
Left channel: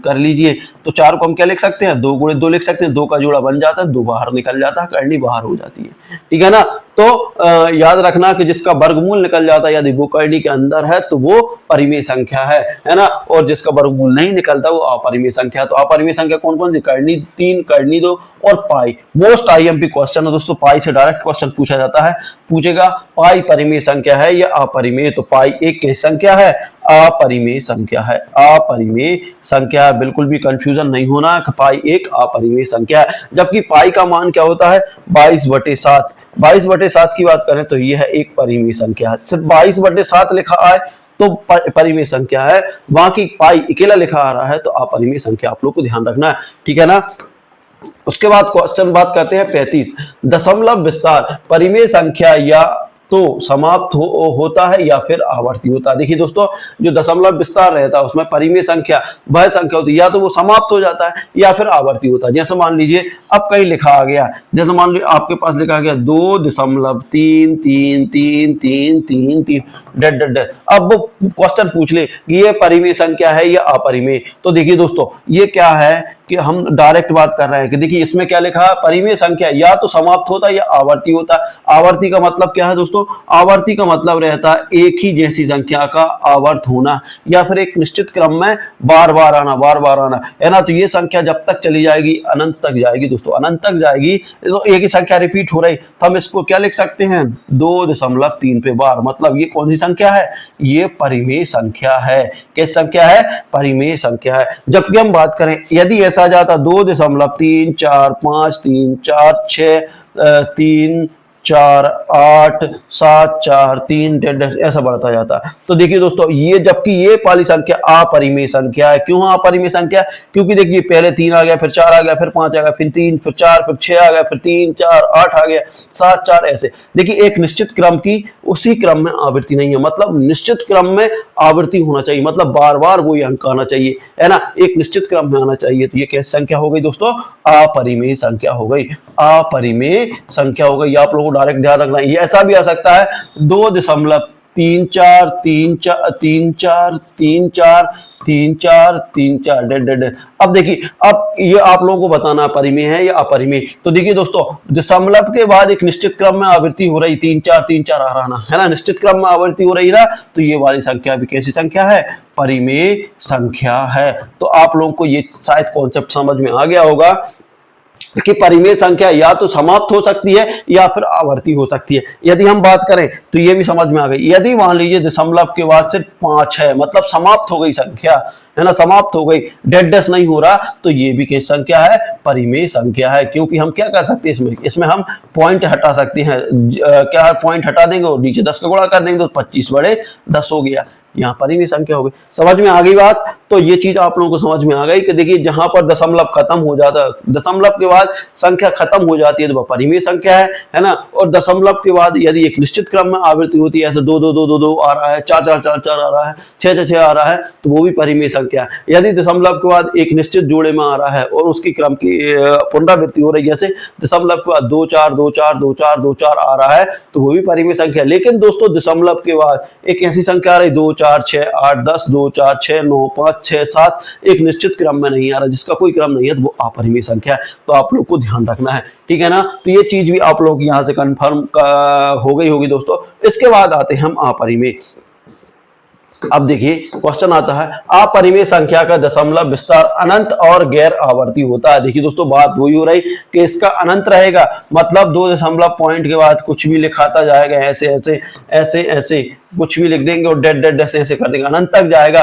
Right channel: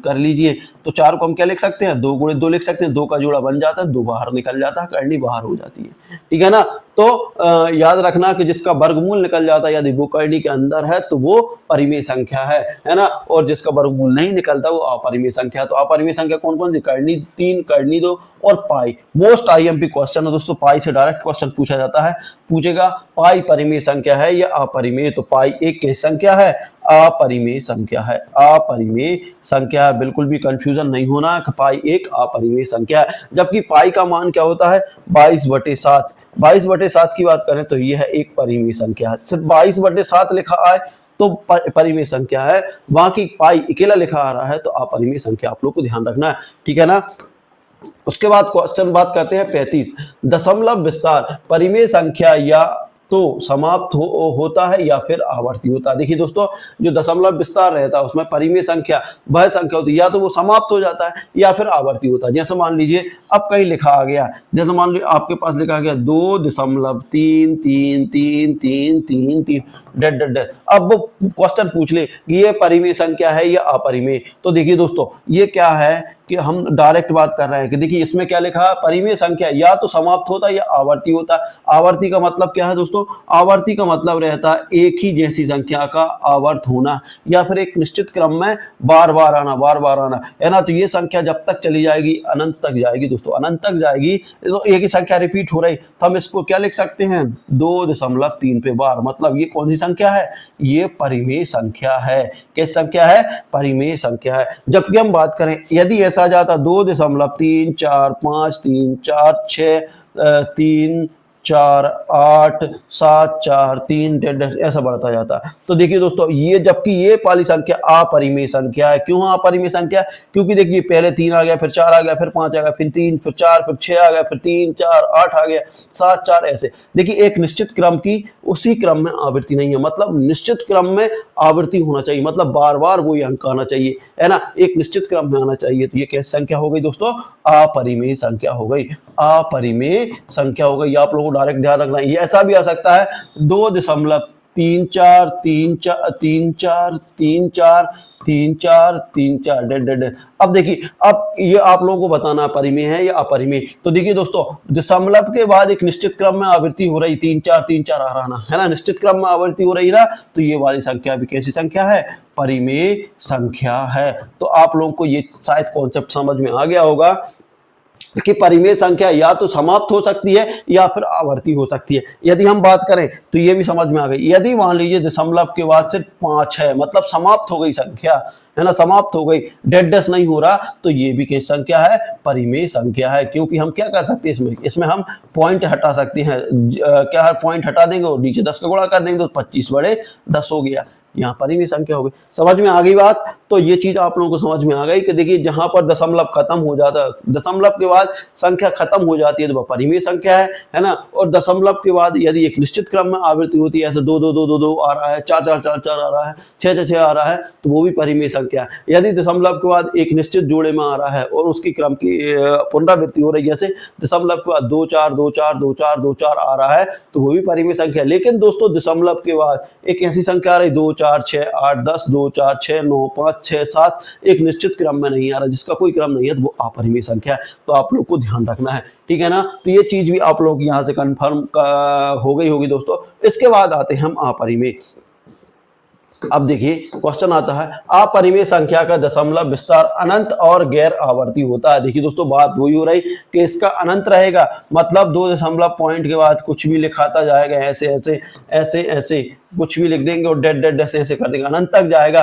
कर लीजिए। तो 4 को हम क्या लिख सकते हैं, 2 गुणे 2 लिख सकते हैं, 2 का जोड़ा बन जाता है, 2 बाहर निकल जाता है, करनी बाहर हो जाती है, ठीक है ना। तो याद रखना कि जिसका वर्गमूल निकल जाता है यदि वो करनी के अंदर है तो वो परिमेय संख्या है ना, और जिसका वर्गमूल नहीं निकलता वो अपरिमेय संख्या। तो अपरिमेय संख्या कौन कौन सी, करनी 3, करनी 2 और पाई। मोस्ट आईएमपी क्वेश्चन है दोस्तों, पाई से डायरेक्ट क्वेश्चन पूछा जाता है, पूछेगा पाई परिमेय संख्या है या अपरिमेय, तो पाई एक कैसी संख्या है, अपरिमेय संख्या है, अपरिमेय संख्या है, बिल्कुल भी कंफ्यूजन नहीं होना कि पाई एक अपरिमेय संख्या है। जबकि पाई का मान क्या होता है 22/7, 22/7 की बात करें तो यह है एक परिमेय संख्या है, सिर्फ 22/7 लिखा है तो परिमेय संख्या है, बाकी पाई अकेला लिखा आ रहा है तो अपरिमेय संख्या, आप लोग को ध्यान रखना है, ठीक है ना। उसके बाद क्वेश्चन बात करते हैं 35, दशमलव विस्तार परिमेय संख्या या तो समाप्त होता है या फिर आवर्ती होता है। देखिए दोस्तों जो दशमलव विस्तार रहता है उसमें परिमेय संख्या वह संख्या होती है या तो वो समाप्त हो जाता है या फिर आवर्ती होता है। जैसे मान लीजिए अब कहीं लिखा आ गया, जैसे मान लीजिए आपके पास लिखा गया 2.3333333 डेड डेड डेड, अब वो क्वेश्चन पूछ ले कि ये परिमेय संख्या है या अपरिमेय, तो देखिए दोस्तों ये क्या है कि हम डायरेक्ट बात कर रहे हैं कि देखिए इसमें क्या लिखा है, परिमेय संख्या या तो समाप्त होता है या आवर्ती होता है। आवर्ती का मतलब क्या है दोस्तों, आवर्ती का मतलब रहता है एक ही जैसी संख्या का आवर्त होना या फिर एक निश्चित क्रम में बार बार आना, है ना। तो ये संख्या जब तक चली जाएगी अनंत तक जाएगी दोस्तों, अनंत तक जाएगी, तो एक ही संख्या रिपीट हो रही, तो हम इसको क्या लिख सकते हैं 2.3 पे बार, मतलब ये कौन सी संख्या है, ये परिमेय संख्या है। किस संख्या है, परिमेय संख्या है। जबकि हम बात करें यदि ऐसा जाता 2.34536 4 8 7 4 3 ऐसा बढ़ता जाता है। तो देखिए दोस्तों ये जबकि ये वाली संख्या अपरिमेय संख्या है। क्यों अपरिमेय संख्या, क्योंकि देखिए पहले 3 आ गया, फिर 4 आ गया, फिर 5 आ गया, फिर 3, फिर 4, फिर 6 आ गया, फिर 3 4 8 आ गया, 7 4 ऐसे। देखिए एक निश्चित क्रम की उसी क्रम में आवृत्ति नहीं है, मतलब निश्चित क्रम में आवृत्ति होना चाहिए, मतलब बार बार वही अंक आना चाहिए, है ना, एक निश्चित क्रम में आना चाहिए। तो ये कैसी संख्या हो गई दोस्तों, अपरिमेय संख्या हो गई, अपरिमेय संख्या हो गई। आप लोगों को डायरेक्ट ध्यान रखना है। ये ऐसा भी आ सकता है 2.343434 तीन चार डेड डेड डेड। अब देखिए, अब ये आप लोगों को बताना परिमेय है या अपरिमेय। तो देखिए दोस्तों, दशमलव के बाद एक निश्चित क्रम में आवृत्ति हो रही, तीन चार आ रहा ना, है ना, निश्चित क्रम में आवृत्ति हो रही ना, तो ये वाली संख्या भी कैसी संख्या है, परिमेय संख्या है। तो आप लोगों को ये शायद कॉन्सेप्ट समझ में आ गया होगा कि परिमेय संख्या या तो समाप्त हो सकती है या फिर आवर्ती हो सकती है। यदि हम बात करें तो ये भी समझ में आ गई, यदि मान लीजिए दशमलव के बाद से 5 है, मतलब समाप्त हो गई संख्या, है ना, समाप्त हो गई, डेड डेस नहीं हो रहा, तो ये भी किस संख्या है, परिमेय संख्या है। क्योंकि हम क्या कर सकते हैं, इसमें हम पॉइंट हटा सकते हैं। क्या पॉइंट हटा देंगे और नीचे 10 का गुणा कर देंगे तो 25 बड़े 10 हो गया, यहाँ पर ही संख्या हो गई। समझ में आ गई बात। तो ये चीज आप लोगों को समझ में आ गई कि देखिए, जहां पर दशमलव खत्म हो जाता है, दशमलव के बाद संख्या खत्म हो जाती है तो वह परिमेय संख्या है ना। और दशमलव के बाद यदि एक निश्चित क्रम में आवृत्ति होती है, ऐसे 2 2 2 2 2 आ रहा है, 4 4 4 4 आ रहा है, 6 6 6 आ रहा है, तो वो भी परिमेय संख्या है। यदि दशमलव के बाद एक निश्चित जोड़े में आ रहा है और उसकी क्रम की पुनरावृत्ति हो रही है, जैसे दशमलव के बाद 2 4 2 4 2 4 2 4 आ रहा है, तो वो भी परिमेय संख्या है। लेकिन दोस्तों, दशमलव के बाद एक ऐसी संख्या आ रही 2 4 6 8 10 2 4 6 9 5 6 7, एक निश्चित क्रम में नहीं आ रहा, जिसका कोई क्रम नहीं है, तो वो अपरिमेय संख्या है। तो आप लोग को ध्यान रखना है, ठीक है ना। तो ये चीज भी आप लोग यहां से कंफर्म हो गई होगी दोस्तों। इसके बाद आते हैं हम अपरिमेय। अब देखिए, क्वेश्चन आता है, अपरिमेय संख्या का दशमलव विस्तार अनंत और गैर आवर्ती होता है। देखिए दोस्तों, बात वही हो रही कि इसका अनंत रहेगा, मतलब 2 दशमलव पॉइंट के बाद कुछ भी लिखाता जाएगा, ऐसे ऐसे ऐसे ऐसे कुछ भी लिख देंगे और डेड डेड ऐसे ऐसे कर देंगे, अनंत तक जाएगा।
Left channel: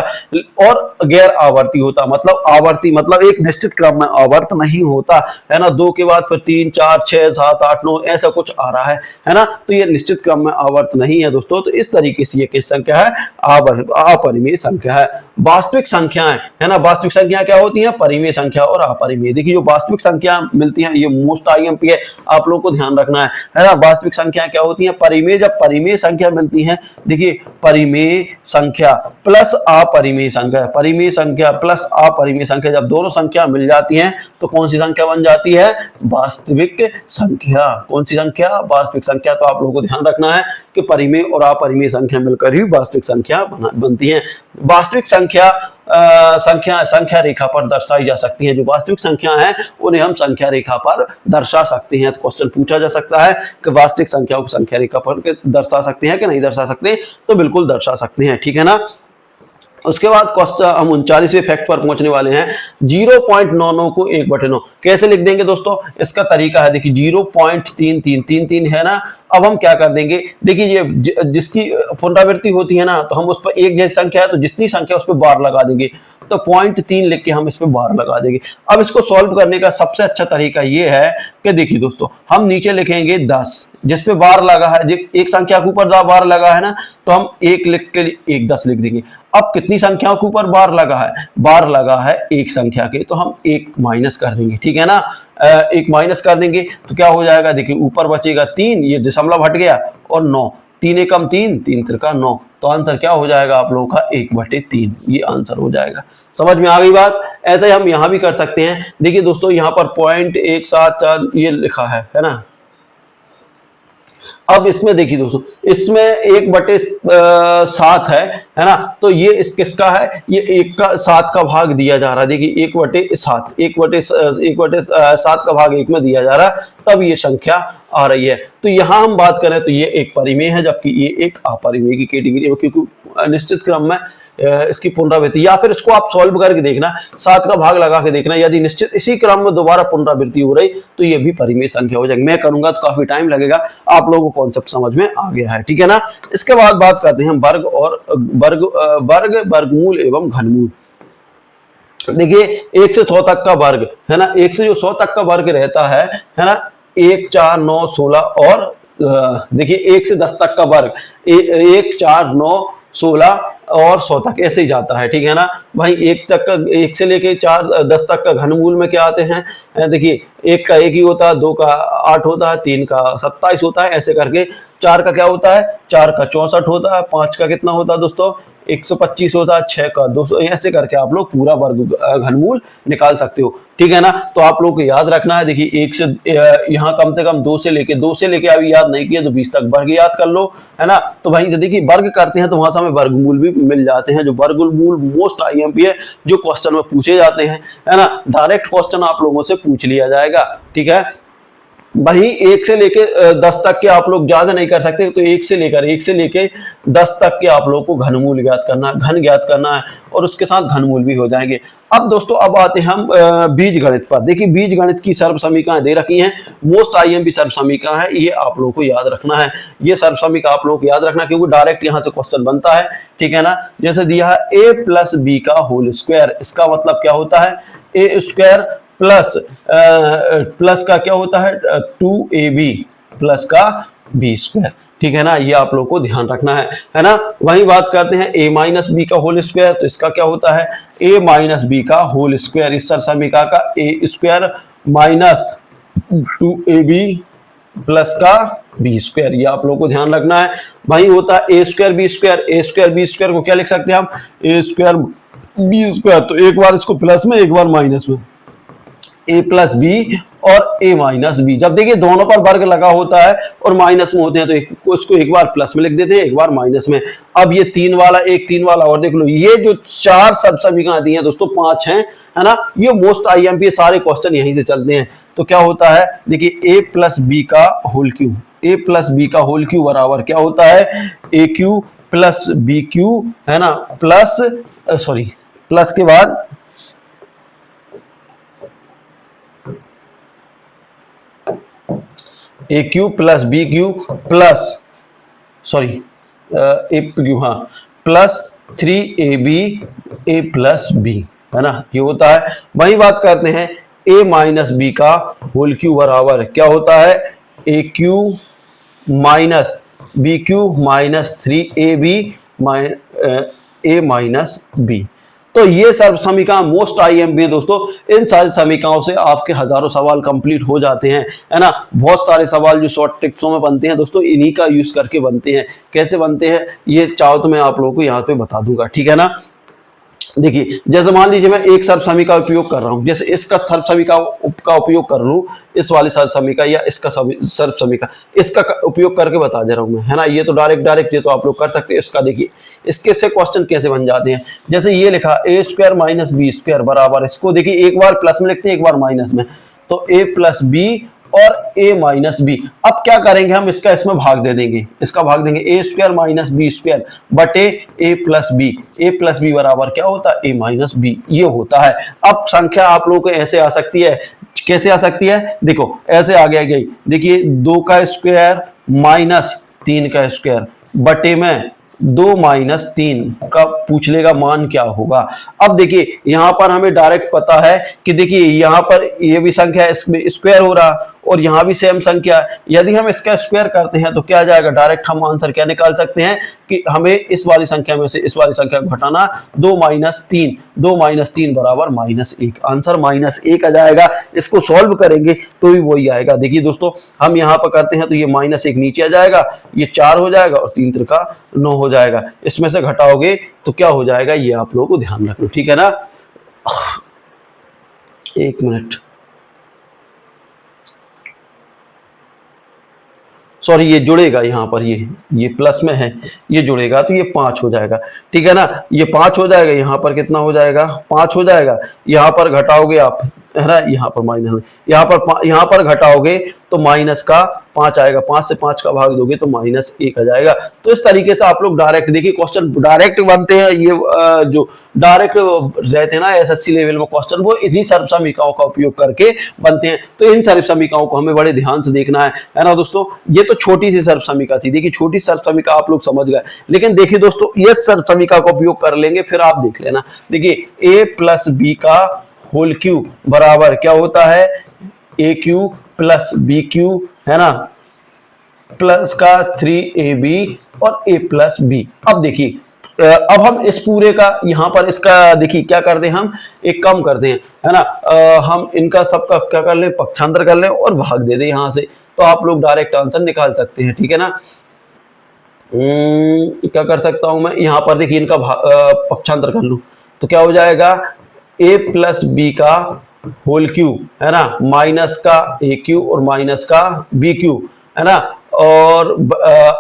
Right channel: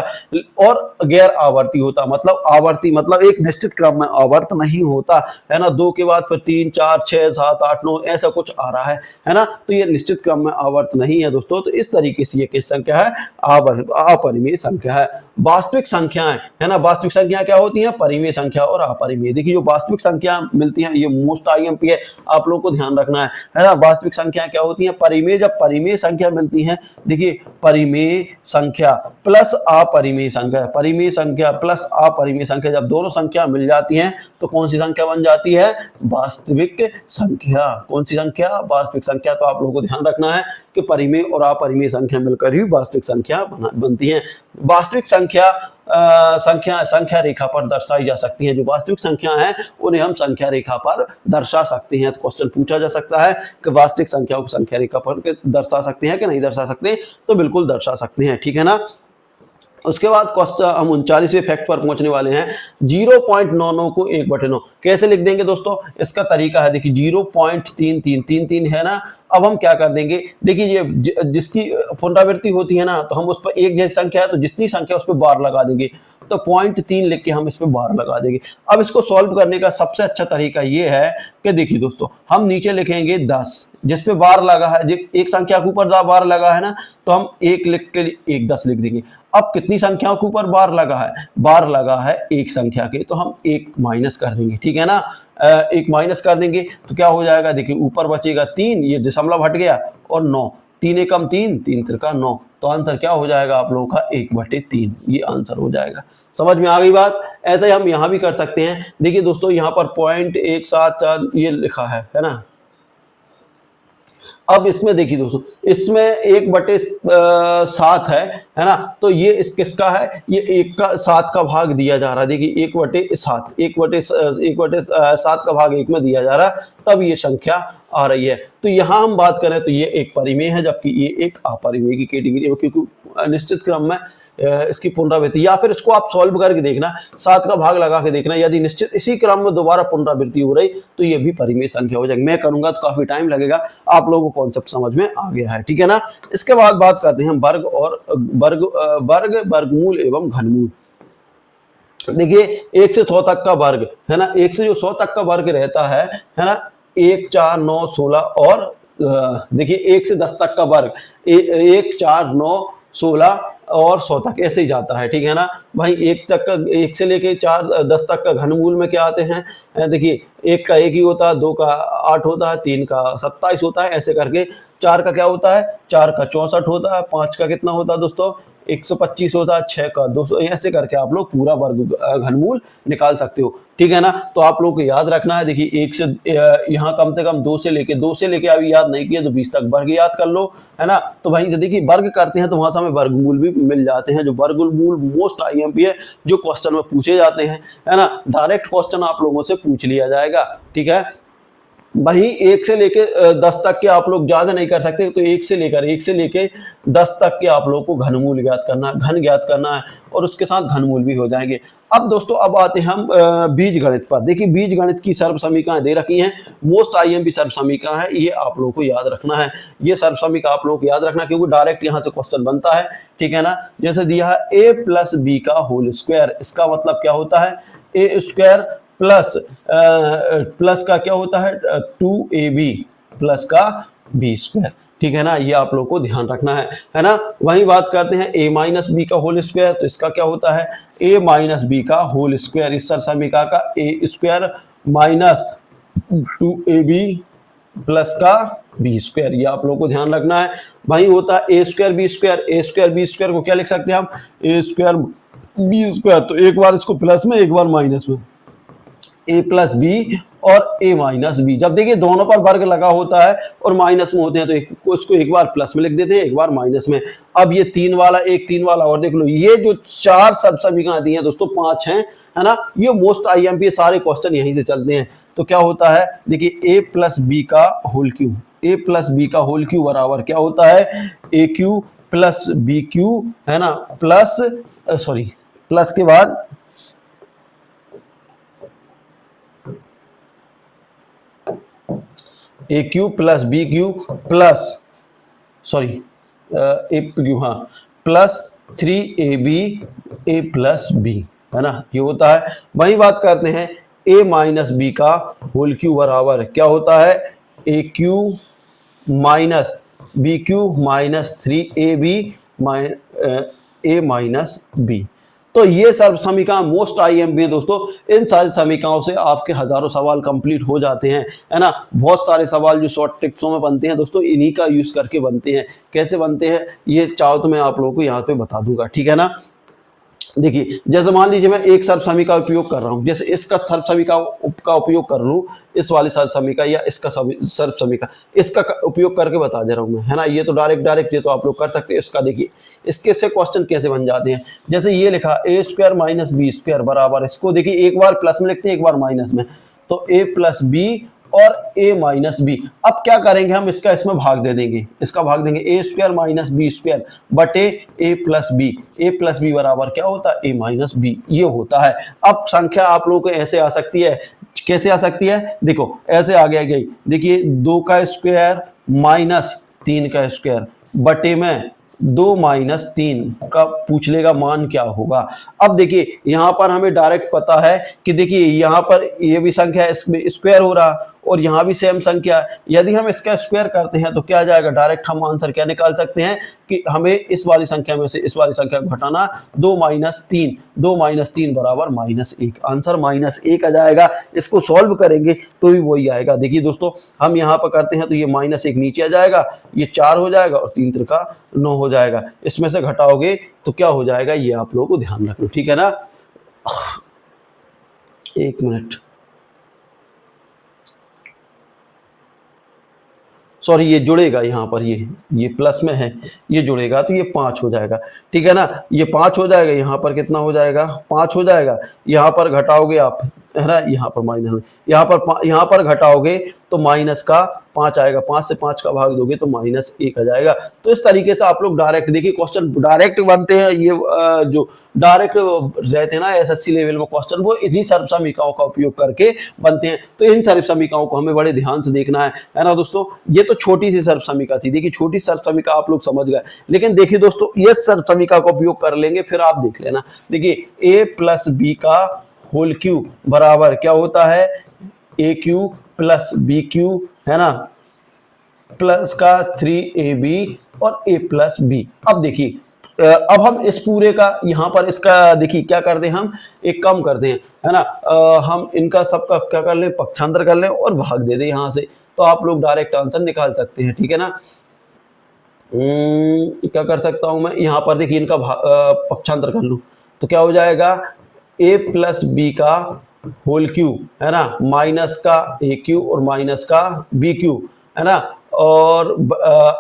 और गैर आवर्ती होता, मतलब आवर्ती मतलब एक निश्चित क्रम में आवर्त नहीं होता, है ना। 2 के बाद फिर 3 4 6 7 8 9 ऐसा कुछ आ रहा है ना। तो ये निश्चित क्रम में आवर्त नहीं है दोस्तों। तो इस तरीके से ये किस संख्या है, अपरिमेय संख्या है। वास्तविक संख्याएं, है ना, वास्तविक संख्या क्या होती हैं, परिमेय संख्या और अपरिमेय। देखिए, जो वास्तविक संख्या मिलती हैं, ये मोस्ट आईएमपी है, आप लोगों को ध्यान रखना है ना। वास्तविक संख्या क्या होती है, परिमेय। जब परिमेय संख्या मिलती है, देखिए, परिमेय संख्या प्लस अपरिमेय संख्या, परिमेय संख्या प्लस अपरिमेय संख्या, जब दोनों संख्या मिल जाती हैं तो कौन सी संख्या बन जाती है, वास्तविक संख्या। कौन सी संख्या, वास्तविक संख्या। तो आप लोगों को ध्यान रखना है कि परिमेय और अपरिमेय संख्या मिलकर ही वास्तविक संख्या बनती है। वास्तविक संख्या रेखा पर दर्शाई जा सकती है। जो वास्तविक संख्या है उन्हें हम संख्या रेखा पर दर्शा सकते हैं। तो क्वेश्चन पूछा जा सकता है कि वास्तविक संख्याओं को संख्या रेखा पर दर्शा सकते हैं कि नहीं दर्शा सकते, तो बिल्कुल दर्शा सकते हैं, ठीक है ना। उसके बाद क्वेश्चन हम 39वें फैक्ट पर पहुंचने वाले हैं। 0.99 को 1/9 कैसे लिख देंगे दोस्तों, इसका तरीका है, देखिए 0.3333 है ना। अब हम क्या कर देंगे, देखिए ये जिसकी पुनरावृत्ति होती है ना, तो हम उस पर एक जैसी संख्या है तो जितनी संख्या उस पर बार लगा देंगे, तो 0.3 लिख के हम इस पे बार लगा देंगे। अब इसको सॉल्व करने का सबसे अच्छा तरीका ये है कि देखिए दोस्तों, हम नीचे लिखेंगे 10, जिस पे बार लगा है, एक संख्या के ऊपर बार लगा है ना, तो हम 1 लिख के 1 10 लिख देंगे। अब कितनी संख्याओं के ऊपर बार लगा है, बार लगा है एक संख्या के, तो हम 1 माइनस कर देंगे, ठीक है ना। 1 माइनस कर देंगे तो क्या हो जाएगा, देखिए ऊपर बचेगा 3, ये दशमलव हट गया, और 9, 3 एकम 3, 3 त्रिका 9, तो आंसर क्या हो जाएगा आप लोगों का 1/3, ये आंसर हो जाएगा। समझ में आ गई बात। ऐसे ही हम यहां भी कर सकते हैं। देखिए दोस्तों, यहाँ पर 0.174 ये लिखा है ना। अब इसमें देखिए दोस्तों, इसमें 1/7 है ना। तो ये इस किसका है, ये 1/7 का भाग दिया जा रहा है। देखिए 1/7, 1/7 का भाग 1 में दिया जा रहा है, तब ये संख्या आ रही है। तो यहां हम बात करें तो ये एक परिमेय है, जबकि ये एक अपरिमेय की कैटेगरी है, क्योंकि निश्चित क्रम में इसकी पुनरावृत्ति, या फिर इसको आप सॉल्व करके देखना, 7 का भाग लगा के देखना, यदि निश्चित इसी क्रम में दोबारा पुनरावृत्ति हो रही तो ये भी परिमेय संख्या हो जाएगी। मैं करूंगा तो काफी टाइम लगेगा, आप लोगों को कॉन्सेप्ट समझ में आ गया है, ठीक है ना। इसके बाद बात करते हैं वर्ग और वर्गमूल एवं घनमूल। देखिए 1 से 100 तक का वर्ग है ना, 1 से जो 100 तक का वर्ग रहता है ना, 1 4 9 16, और देखिए 1 से 10 तक का वर्ग 1 4 9 16 और 100 तक ऐसे ही जाता है, ठीक है ना भाई। 1 से लेके 10 तक का घनमूल में क्या आते हैं, देखिए 1 का 1 ही होता है, 2 का 8 होता है, 3 का 27 होता है, ऐसे करके 4 का क्या होता है, 4 का 64 होता है, 5 का कितना होता है दोस्तों, 125 होता है 6 का 200, ऐसे करके आप लोग पूरा वर्ग घनमूल निकाल सकते हो, ठीक है ना। तो आप लोग को याद रखना है, देखिए 1 से यहाँ कम से कम 2 से लेके अभी याद नहीं किया तो 20 तक वर्ग याद कर लो, है ना। तो वहीं से देखिए वर्ग करते हैं तो वहां से हमें वर्गमूल भी मिल जाते हैं, जो वर्गमूल मोस्ट आईएमपी है, जो क्वेश्चन में पूछे जाते हैं, है ना। डायरेक्ट क्वेश्चन आप लोगों से पूछ लिया जाएगा, ठीक है। वही 1 से लेके 10 तक के आप लोग ज्यादा नहीं कर सकते, तो 1 से लेके 10 तक के आप लोग को घनमूल ज्ञात करना, घन ज्ञात करना है, और उसके साथ घनमूल भी हो जाएंगे। अब दोस्तों अब आते हैं हम बीज गणित पर। देखिए बीज गणित की सर्व समीकरण दे रखी हैं, मोस्ट आईएमपी सर्व समीकरण है, ये आप लोगों को याद रखना है। ये सर्व समीकरण आप लोगों को याद रखना, क्योंकि डायरेक्ट यहाँ से क्वेश्चन बनता है, ठीक है ना। जैसे दिया है a प्लस बी का होल स्क्वायर, इसका मतलब क्या होता है, ए स्क्वायर प्लस का क्या होता है 2ab प्लस का बी स्क्वायर, ठीक है ना। ये आप लोग को ध्यान रखना है ना। वही बात करते हैं a माइनस बी का होल स्क्वायर, तो इसका क्या होता है a माइनस बी का होल स्क्वायर, इस समीकरण का a square minus 2ab plus का बी स्क्वायर, ये आप लोग को ध्यान रखना है। वही होता है a स्क्वायर बी स्क्वायर को क्या लिख सकते हैं हम, a स्क्वायर बी स्क्वायर, तो एक बार इसको प्लस में एक बार माइनस में, a प्लस बी और a माइनस बी। जब देखिए दोनों पर वर्ग लगा होता है और माइनस में होते हैं तो इसको एक बार प्लस में लिख देते हैं, एक बार माइनस में। अब ये 3 वाला और देख लो, ये जो 4 सब समीकरण दी हैं दोस्तों, 5 हैं, है ना। ये मोस्ट आईएमपी सारे क्वेश्चन यहीं से चलते हैं। तो क्या होता है, देखिए a प्लस बी का होल क्यू बराबर क्या होता है, A cube plus B cube, है ना, प्लस के बाद A cube plus B cube plus plus 3ab a plus B, है ना, ये होता है। वही बात करते हैं a माइनस बी का होल क्यू बराबर क्या होता है, A cube minus B cube minus 3ab a minus B. तो ये सर्व समीकरण मोस्ट आईएमपी है दोस्तों। इन सारे समीकरणों से आपके हजारों सवाल कंप्लीट हो जाते हैं, है ना। बहुत सारे सवाल जो शॉर्ट ट्रिक्सों में बनते हैं दोस्तों, इन्हीं का यूज करके बनते हैं। कैसे बनते हैं ये चाहो तो मैं आप लोगों को यहाँ पे बता दूंगा, ठीक है ना। देखिए जैसे मान लीजिए मैं एक सर्व समीकरण का उपयोग कर रहा हूं, जैसे इसका सर्व समीकरण का उपयोग कर लूं, इस वाले सर्व समीकरण या इसका सर्व समीकरण, इसका उपयोग करके बता दे रहा हूं मैं, है ना। ये तो डायरेक्ट ये तो आप लोग कर सकते हैं। इसका देखिए इसके से क्वेश्चन कैसे बन जाते हैं, जैसे ये लिखा a square minus B square बराबर, इसको देखिए एक बार प्लस में लिखते हैं एक बार माइनस में, तो a प्लस बी और a माइनस बी। अब क्या करेंगे हम, इसका इसमें भाग दे देंगे, इसका भाग देंगे a square minus B square बटे a प्लस बी बराबर क्या होता है, a माइनस बी, ये होता है। अब संख्या आप लोगों को ऐसे आ सकती है, कैसे आ सकती है, देखो ऐसे आ गई, देखिए 2 का स्क्वायर माइनस 3 का स्क्वायर बटे में 2 माइनस 3 का पूछ लेगा मान क्या होगा। अब देखिए यहां पर हमें डायरेक्ट पता है कि देखिए यहां पर ये भी संख्या है, इसमें स्क्वायर हो रहा और यहां भी सेम संख्या है। यदि हम इसका स्क्वायर करते हैं तो क्या आ जाएगा, डायरेक्ट हम आंसर क्या निकाल सकते हैं कि हमें इस वाली संख्या में से इस वाली संख्या को घटाना, 2 माइनस 3 बराबर -1, आंसर -1 आ जाएगा। इसको सॉल्व करेंगे तो भी वही आएगा। देखिए दोस्तों हम यहाँ पर करते हैं तो ये -1 नीचे आ जाएगा, ये 4 हो जाएगा और 3 त्रिका 9 हो जाएगा। इसमें से घटाओगे तो क्या हो जाएगा, ये आप लोगों को ध्यान रखना, ठीक है ना। 1 मिनट, सॉरी ये जुड़ेगा यहाँ पर, ये प्लस में है, ये जुड़ेगा तो ये 5 हो जाएगा, ठीक है ना। ये 5 हो जाएगा, यहाँ पर कितना हो जाएगा, 5 हो जाएगा। यहाँ पर घटाओगे आप, है ना, यहाँ पर माइनस, यहाँ पर घटाओगे तो माइनस का 5 आएगा, 5 से 5 का भाग दोगे तो -1 आ जाएगा। तो इस तरीके से आप लोग डायरेक्ट, देखिए क्वेश्चन डायरेक्ट बनते हैं, ये जो डायरेक्ट रहते हैं ना एसएससी लेवल में क्वेश्चन, वो इन्हीं सर्व समीकरणों का उपयोग करके बनते हैं। तो इन सर्व समीकरणों को हमें बड़े ध्यान से देखना है ना दोस्तों। ये तो छोटी सी सर्व समीकरण थी, देखिए छोटी सर्व समीकरण आप लोग समझ गए, लेकिन देखिए दोस्तों ये सर्व समीकरण का उपयोग कर लेंगे, फिर आप देख लेना। देखिए a प्लस बी का होल क्यू बराबर क्या होता है, A cube plus B cube, है ना, प्लस का 3ab और a प्लस बी। अब देखिए अब हम इस पूरे का यहाँ पर इसका देखिए क्या कर दें, हम एक कम कर दें, है ना, हम इनका सबका क्या कर लें, पक्षांतर कर लें और भाग दे दें यहाँ से, तो आप लोग डायरेक्ट आंसर निकाल सकते हैं, ठीक है ना। क्या कर सकता हूं मैं, यहाँ पर देखिए इनका पक्षांतर कर लूं तो क्या हो जाएगा, a प्लस बी का होल क्यू, है ना, माइनस का ए क्यू और माइनस का बी क्यू, है ना, और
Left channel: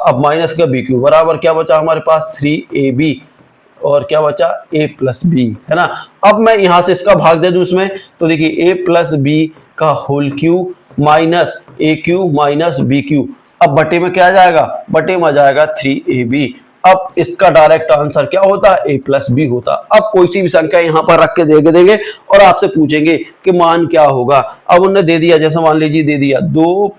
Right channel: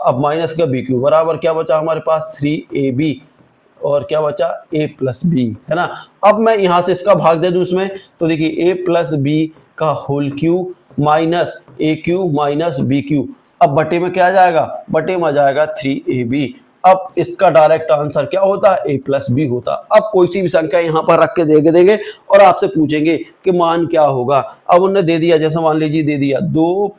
अब माइनस का बी क्यू बराबर क्या बचा हमारे पास 3ab, और क्या बचा a प्लस बी, है ना। अब मैं यहां से इसका भाग दे दूं इसमें, तो देखिए a प्लस बी का होल क्यू माइनस ए क्यू माइनस बी क्यू, अब बटे में क्या आ जाएगा, बटे में आ जाएगा 3ab। अब इसका डायरेक्ट आंसर क्या होता है, a प्लस बी होता। अब कोई सी भी संख्या यहाँ पर रख के देंगे और आपसे पूछेंगे कि मान क्या होगा। अब उन्होंने दे दिया, जैसे मान लीजिए दे दिया 2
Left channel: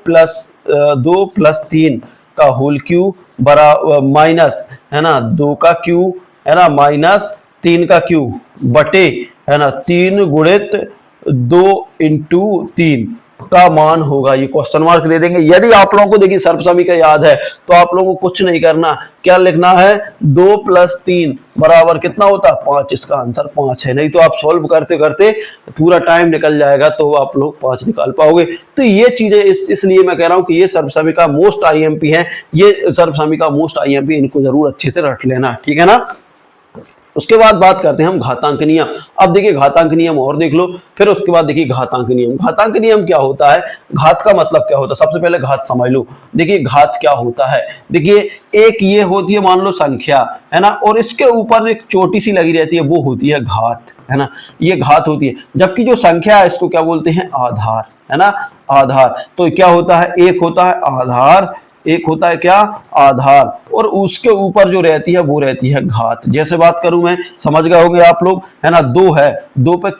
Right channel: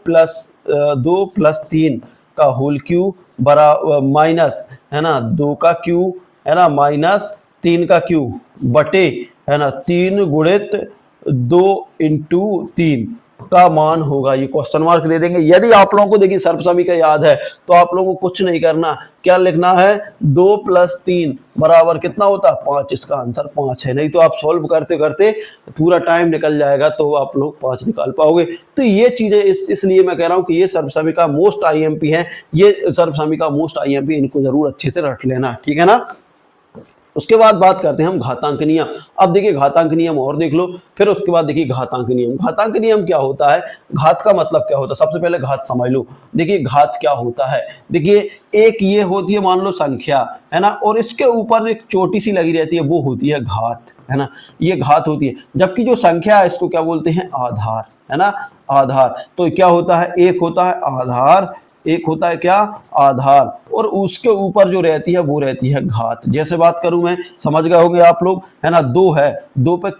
प्लस 3 का होल क्यू बरा माइनस, है ना, 2 का क्यू, है ना, माइनस 3 का क्यू बटे, है ना, 3 गुणित 2 × 3 का मान होगा, ये क्वेश्चन मार्क दे देंगे। यदि आप लोगों को देखिए सर्वसमीकरण याद है तो आप लोगों को कुछ नहीं करना, क्या लिखना है, 2 + 3 बराबर कितना होता है 5, इसका आंसर 5 है। नहीं तो आप सॉल्व करते करते पूरा टाइम निकल जाएगा तो आप लोग 5 निकाल पाओगे। तो ये चीजें इसलिए मैं कह रहा हूं कि ये सर्वसमीकरण मोस्ट आईएमपी है, ये सर्वसमीकरण मोस्ट आईएमपी, इनको जरूर अच्छे से रट लेना, ठीक है ना। उसके बाद बात करते हैं हम घातांक नियम। अब देखिए घातांक नियम और देख लो, फिर उसके बाद देखिए घातांक नियम। घातांक नियम क्या होता है, घात का मतलब क्या होता है, सबसे पहले घात समझ लो। देखिए घात क्या होता है, देखिए एक ये होती है मान लो संख्या, है ना, और इसके ऊपर एक छोटी सी लगी रहती है, वो होती है घात, है ना, ये घात होती है। जबकि जो संख्या है इसको क्या बोलते हैं, आधार, है ना, आधार। तो क्या होता है, एक होता है आधार, एक होता है क्या, आधार, और उसके ऊपर जो रहती है वो रहती है घात। जैसे बात करूं मैं, समझ गए होंगे आप लोग, है ना, 2 है, 2 पे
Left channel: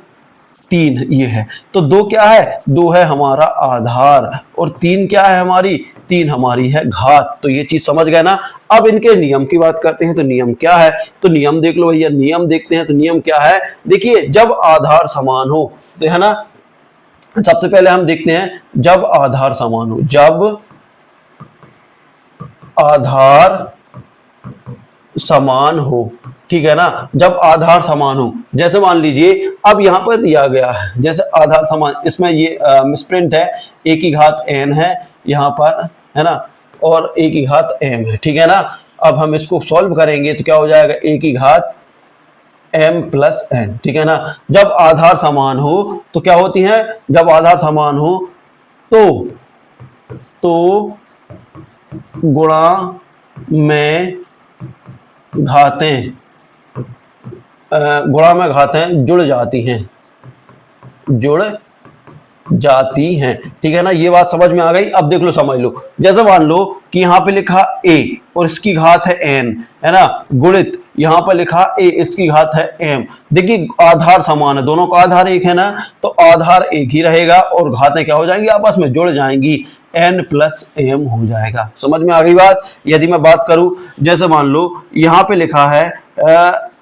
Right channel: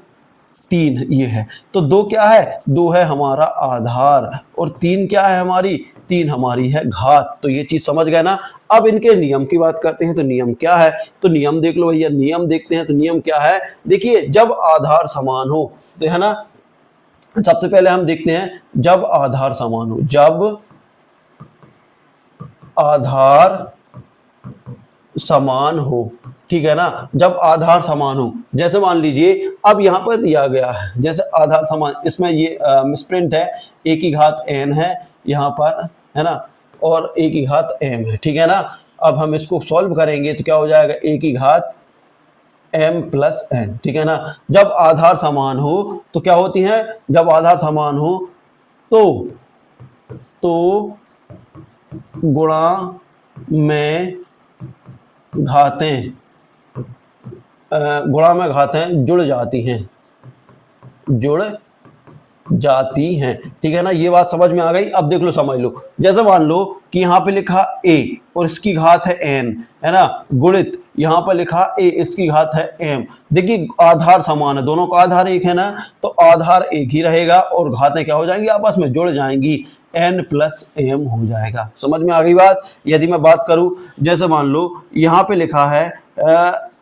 3 ये है, तो 2 क्या है, 2 है हमारा आधार, और 3 क्या है हमारी, 3 हमारी है घात। तो ये चीज समझ गए ना। अब इनके नियम की बात करते हैं, तो नियम क्या है, तो नियम देख लो भैया, नियम देखते हैं। तो नियम क्या है, देखिए जब आधार समान हो, तो है ना, सबसे पहले हम देखते हैं जब आधार समान हो, जब आधार समान हो, ठीक है ना, जब आधार समान हो। जैसे मान लीजिए अब यहां पर दिया गया है, जैसे आधार समान, इसमें ये मिसप्रिंट है, a की घात n है यहां पर, है ना, और a की घात m है, ठीक है ना। अब हम इसको सॉल्व करेंगे तो क्या हो जाएगा, a की घात m प्लस n, ठीक है ना। जब आधार समान हो तो क्या होती है, जब आधार समान हो तो गुणा में घातें, गुणा में घातें जुड़ जाती हैं, जुड़ जाती हैं, ठीक है ना। ये बात समझ में आ गई। अब देख लो, समझ लो, जैसे मान लो कि यहाँ पे लिखा a और इसकी घात है n, है ना, गुणित यहाँ पर लिखा a, इसकी घात है m। देखिए आधार समान है, दोनों का आधार एक है ना, तो आधार एक ही रहेगा और घातें क्या हो जाएंगी, आपस में जुड़ जाएंगी, n प्लस m हो जाएगा। समझ में आ गई बात। यदि मैं बात करूं, जैसे मान लो यहाँ पे लिखा है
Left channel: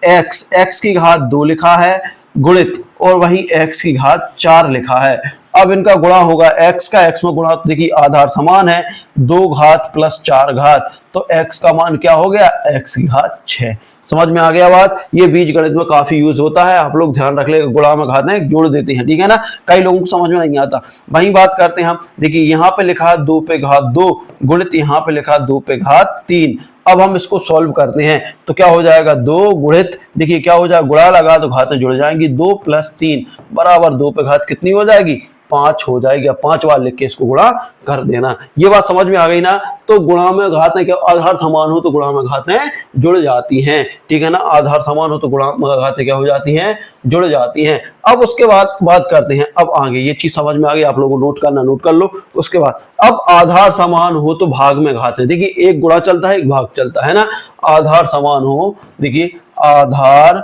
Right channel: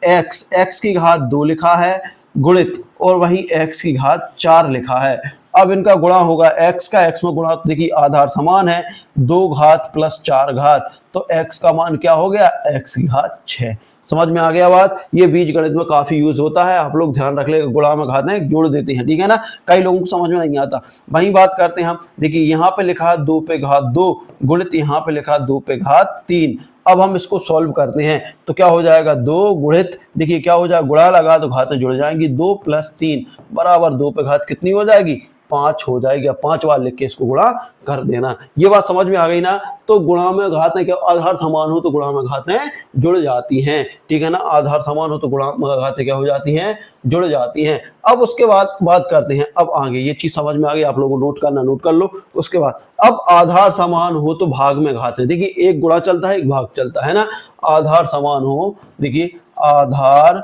x की घात 2 लिखा है गुणित, और वहीं x की घात 4 लिखा है। अब इनका गुणा होगा, x का x में गुणा, तो देखिए आधार समान है, 2 घात प्लस 4 घात, तो x का मान क्या हो गया, x की घात 6। समझ में आ गया बात। ये बीज गणित में काफी यूज होता है, आप लोग ध्यान रख ले, गुणा में घातें जोड़ देते हैं, ठीक है ना। कई लोगों को समझ में नहीं आता। वही बात करते हैं हम, देखिए यहाँ पे लिखा 2 पे घात 2 गुणित यहाँ पे लिखा 2 पे घात 3। अब हम इसको सॉल्व करते हैं तो क्या हो जाएगा, 2 गुणित, देखिए क्या हो जाएगा, गुणा लगा तो घातें जुड़ जाएंगी, 2 + 3 बराबर 2 पे घात कितनी हो जाएगी, 5 हो जाएगी। 5 बार लिख के इसको गुणा कर देना। ये बात समझ में आ गई ना। तो गुणा में घातें क्या, आधार समान हो तो गुणा में घातें जुड़ जाती हैं, ठीक है ना, आधार समान हो तो गुणा में घातें क्या हो जाती हैं, जुड़ जाती हैं। अब उसके बाद बात करते हैं, अब आगे ये चीज समझ में आ गई, आप लोगों को नोट करना, नोट कर लो। उसके बाद अब आधार समान हो तो भाग में घातें, देखिए एक गुणा चलता है एक भाग चलता है ना। आधार समान हो, देखिए आधार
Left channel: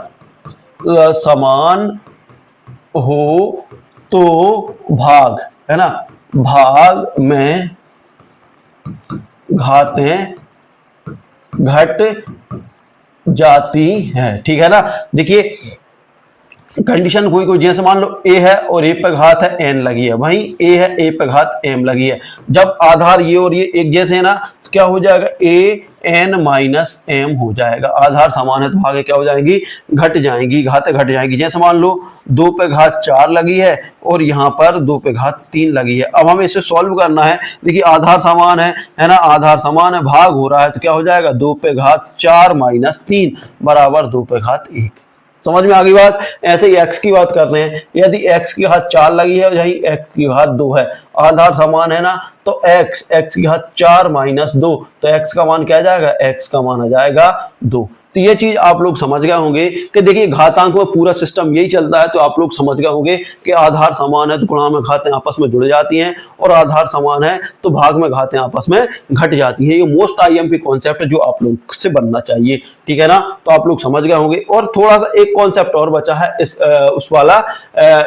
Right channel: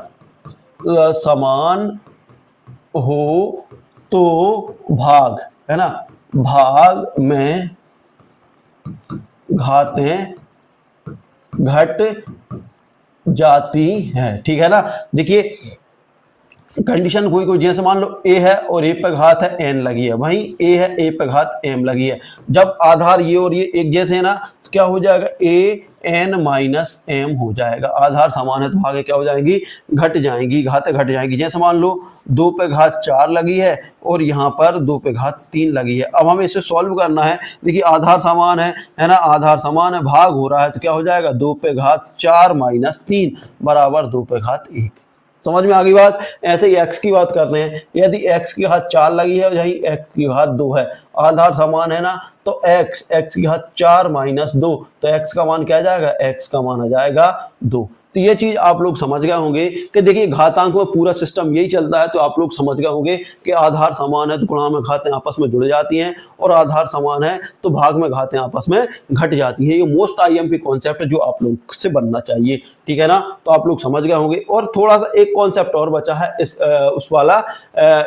समान हो तो भाग, है ना, भाग में घातें घट जाती हैं, ठीक है ना। देखिए कंडीशन कोई जैसे मान लो a है और a पे घात है n लगी है, वहीं a है a पे घात m लगी है। जब आधार ये और ये एक जैसे है ना, तो क्या हो जाएगा, a n माइनस m हो जाएगा। आधार समान है तो भागे क्या हो जाएंगी, घट जाएंगी, घातें घट जाएंगी। जैसे मान लो 2 पे घात 4 लगी है और यहाँ पर 2 पे घात 3 लगी है। अब हमें इसे सॉल्व करना है। देखिए आधार समान है ना, आधार समान है, भाग हो रहा है तो क्या हो जाएगा, 2 पे घात 4 माइनस 3 बराबर 2 पे घात 1। समझ में आ गई बात। ऐसे ही x की बात करते हैं। यदि x की घात 4 लगी है और यही x की घात 2 है, आधार समान है ना, तो x की घात 4 माइनस 2, तो x का मान क्या आ जाएगा, x का मान आ जाएगा 2। तो ये चीज आप लोग समझ गए होंगे कि देखिए घातांक में पूरा सिस्टम यही चलता है। तो आप लोग समझ गए होंगे कि आधार समान है तो गुणा में घातें आपस में जुड़ जाती हैं, और आधार समान है तो भाग में घातें आपस में घट जाती हैं। ये मोस्ट आईएमपी कॉन्सेप्ट है जो आप लोग से बनना चाहिए, ठीक है ना। तो आप लोग समझ गए होंगे। और थोड़ा सा एक कॉन्सेप्ट और बचा है इस उस वाला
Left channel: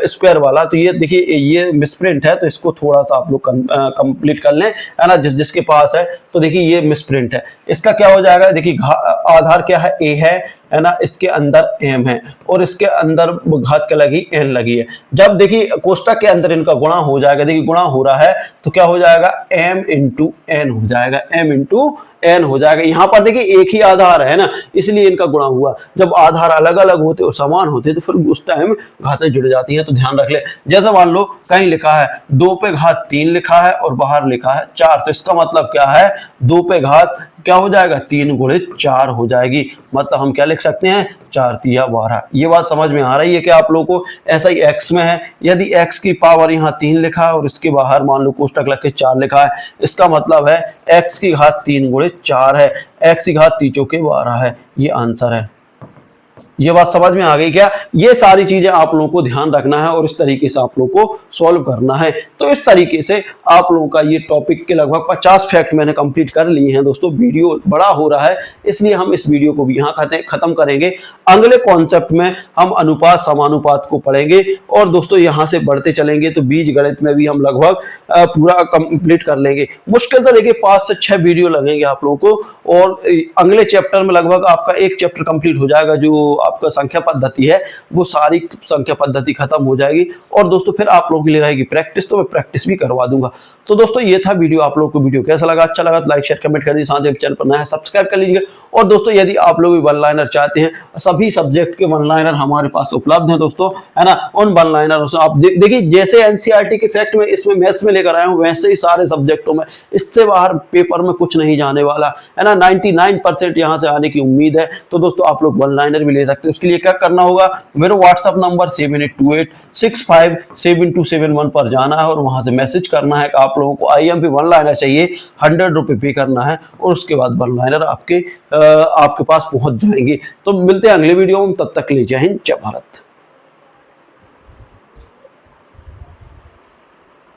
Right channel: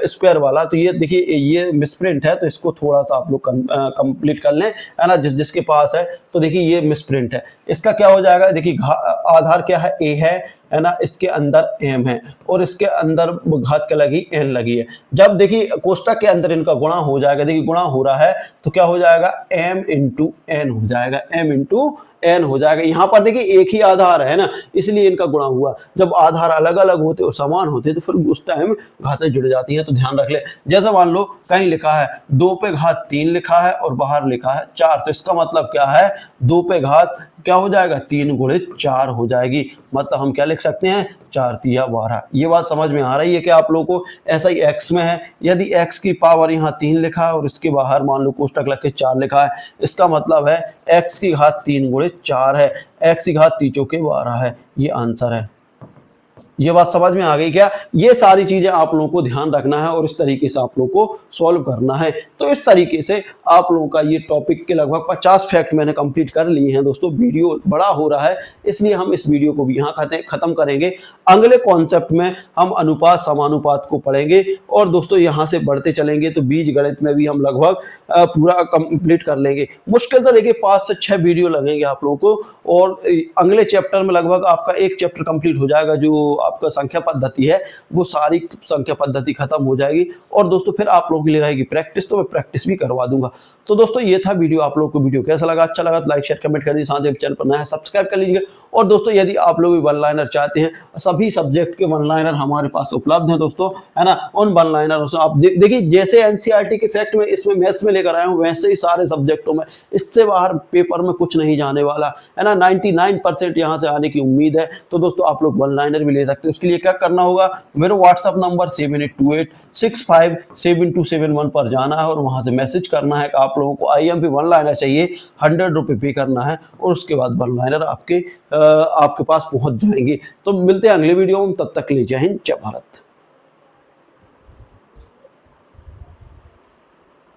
स्क्वायर वाला। तो ये देखिए ये मिसप्रिंट है, तो इसको थोड़ा सा आप लोग कंप्लीट कर लें, है ना, जिसके पास है। तो देखिए ये मिसप्रिंट है, इसका क्या हो जाएगा, देखिए आधार क्या है, a है ना, इसके अंदर m है और इसके अंदर घात क्या लगी, n लगी है। जब देखिए कोष्टक के अंदर इनका गुणा हो जाएगा, देखिए गुणा हो रहा है तो क्या हो जाएगा, m इंटू n हो जाएगा, m इंटू n हो जाएगा। यहाँ पर देखिए एक ही आधार है ना, इसलिए इनका गुणा हुआ। जब आधार अलग अलग होते और समान होते तो फिर उस टाइम घातें जुड़ जाती हैं। तो ध्यान रख ले। जैसे मान लो कहीं लिखा है 2 पे घात 3 लिखा है और बाहर लिखा है 4, तो इसका मतलब क्या है, 2 पे घात क्या हो जाएगा, 3 गुणित 4 हो जाएगी। मतलब हम क्या लिख सकते हैं, 4 तिया 12। ये बात समझ में आ रही है कि आप लोगों को। ऐसा ही x में है, यदि x की पावर यहाँ 3 लिखा है और इसके बाहर मान लो कोष्टक लग के 4 लिखा है, इसका मतलब है x की घात 3 गुणित 4 है, x की घात 3 चौके 12 है। ये आंसर है। ये बात समझ में आ गई क्या। ये सारी चीजें आप लोगों को ध्यान रखना है और इस तरीके से आप लोगों को सॉल्व करना है। तो इस तरीके से आप लोगों का ये टॉपिक के लगभग 50 फैक्ट मैंने कंप्लीट कर लिए हैं दोस्तों। वीडियो बड़ा हो रहा है इसलिए हम इस वीडियो को भी यहाँ खत्म करेंगे। अगले कॉन्सेप्ट में हम अनुपात समानुपात को पढ़ेंगे और दोस्तों यहाँ से बढ़ते चलेंगे तो बीज गणित में भी हम लगभग पूरा कंप्लीट कर लेंगे। मुश्किल से देखिए 5 से 6 वीडियो लगेंगे आप लोगों को, और अगले चैप्टर में लगभग आपका एक चैप्टर कंप्लीट हो जाएगा। जो आपका संख्या पद्धति है वो सारी संख्या पद्धति खत्म हो जाएगी, और दोस्तों फिर आप लोगों के लिए रहेगी प्रैक्टिस, तो मैं प्रैक्टिस भी करवा दूंगा। तो दोस्तों ये था वीडियो। आप लोगों को वीडियो कैसा लगा, अच्छा लगा तो लाइक शेयर कमेंट कर दीजिए, साथ ही चैनल पर नया है सब्सक्राइब कर लीजिए। और दोस्तों यदि आप लोग भी वन लाइनर चाहते हैं, सभी सब्जेक्ट के वन लाइनर हमारे पास उपलब्ध हैं दोस्तों, है ना। उन वन लाइनरों से आप देखिए जैसे एनसीईआरटी के फैक्ट में इसमें मैथ्स में लेकर आए हूं, वैसे ही सारे सब्जेक्टों में, इससे बाहर पेपर में कुछ नहीं जाने वाला है ना। 99% यहाँ से आने की उम्मीद है। तो दोस्तों आप लोग वन लाइनर भी ले सकते हैं। उसके लिए क्या करना होगा, मेरा व्हाट्सअप नंबर 7828657271 पर जाना है और वहां से मैसेज करना है कि आप लोगों को आईएमपी वन लाइनर चाहिए। 100 रुपये पे करना है और उसके बाद वन लाइनर आपके पास पहुंच जाएंगे। तो मिलते हैं अगले वीडियो में, तब तक ले जय हिंद जय भारत।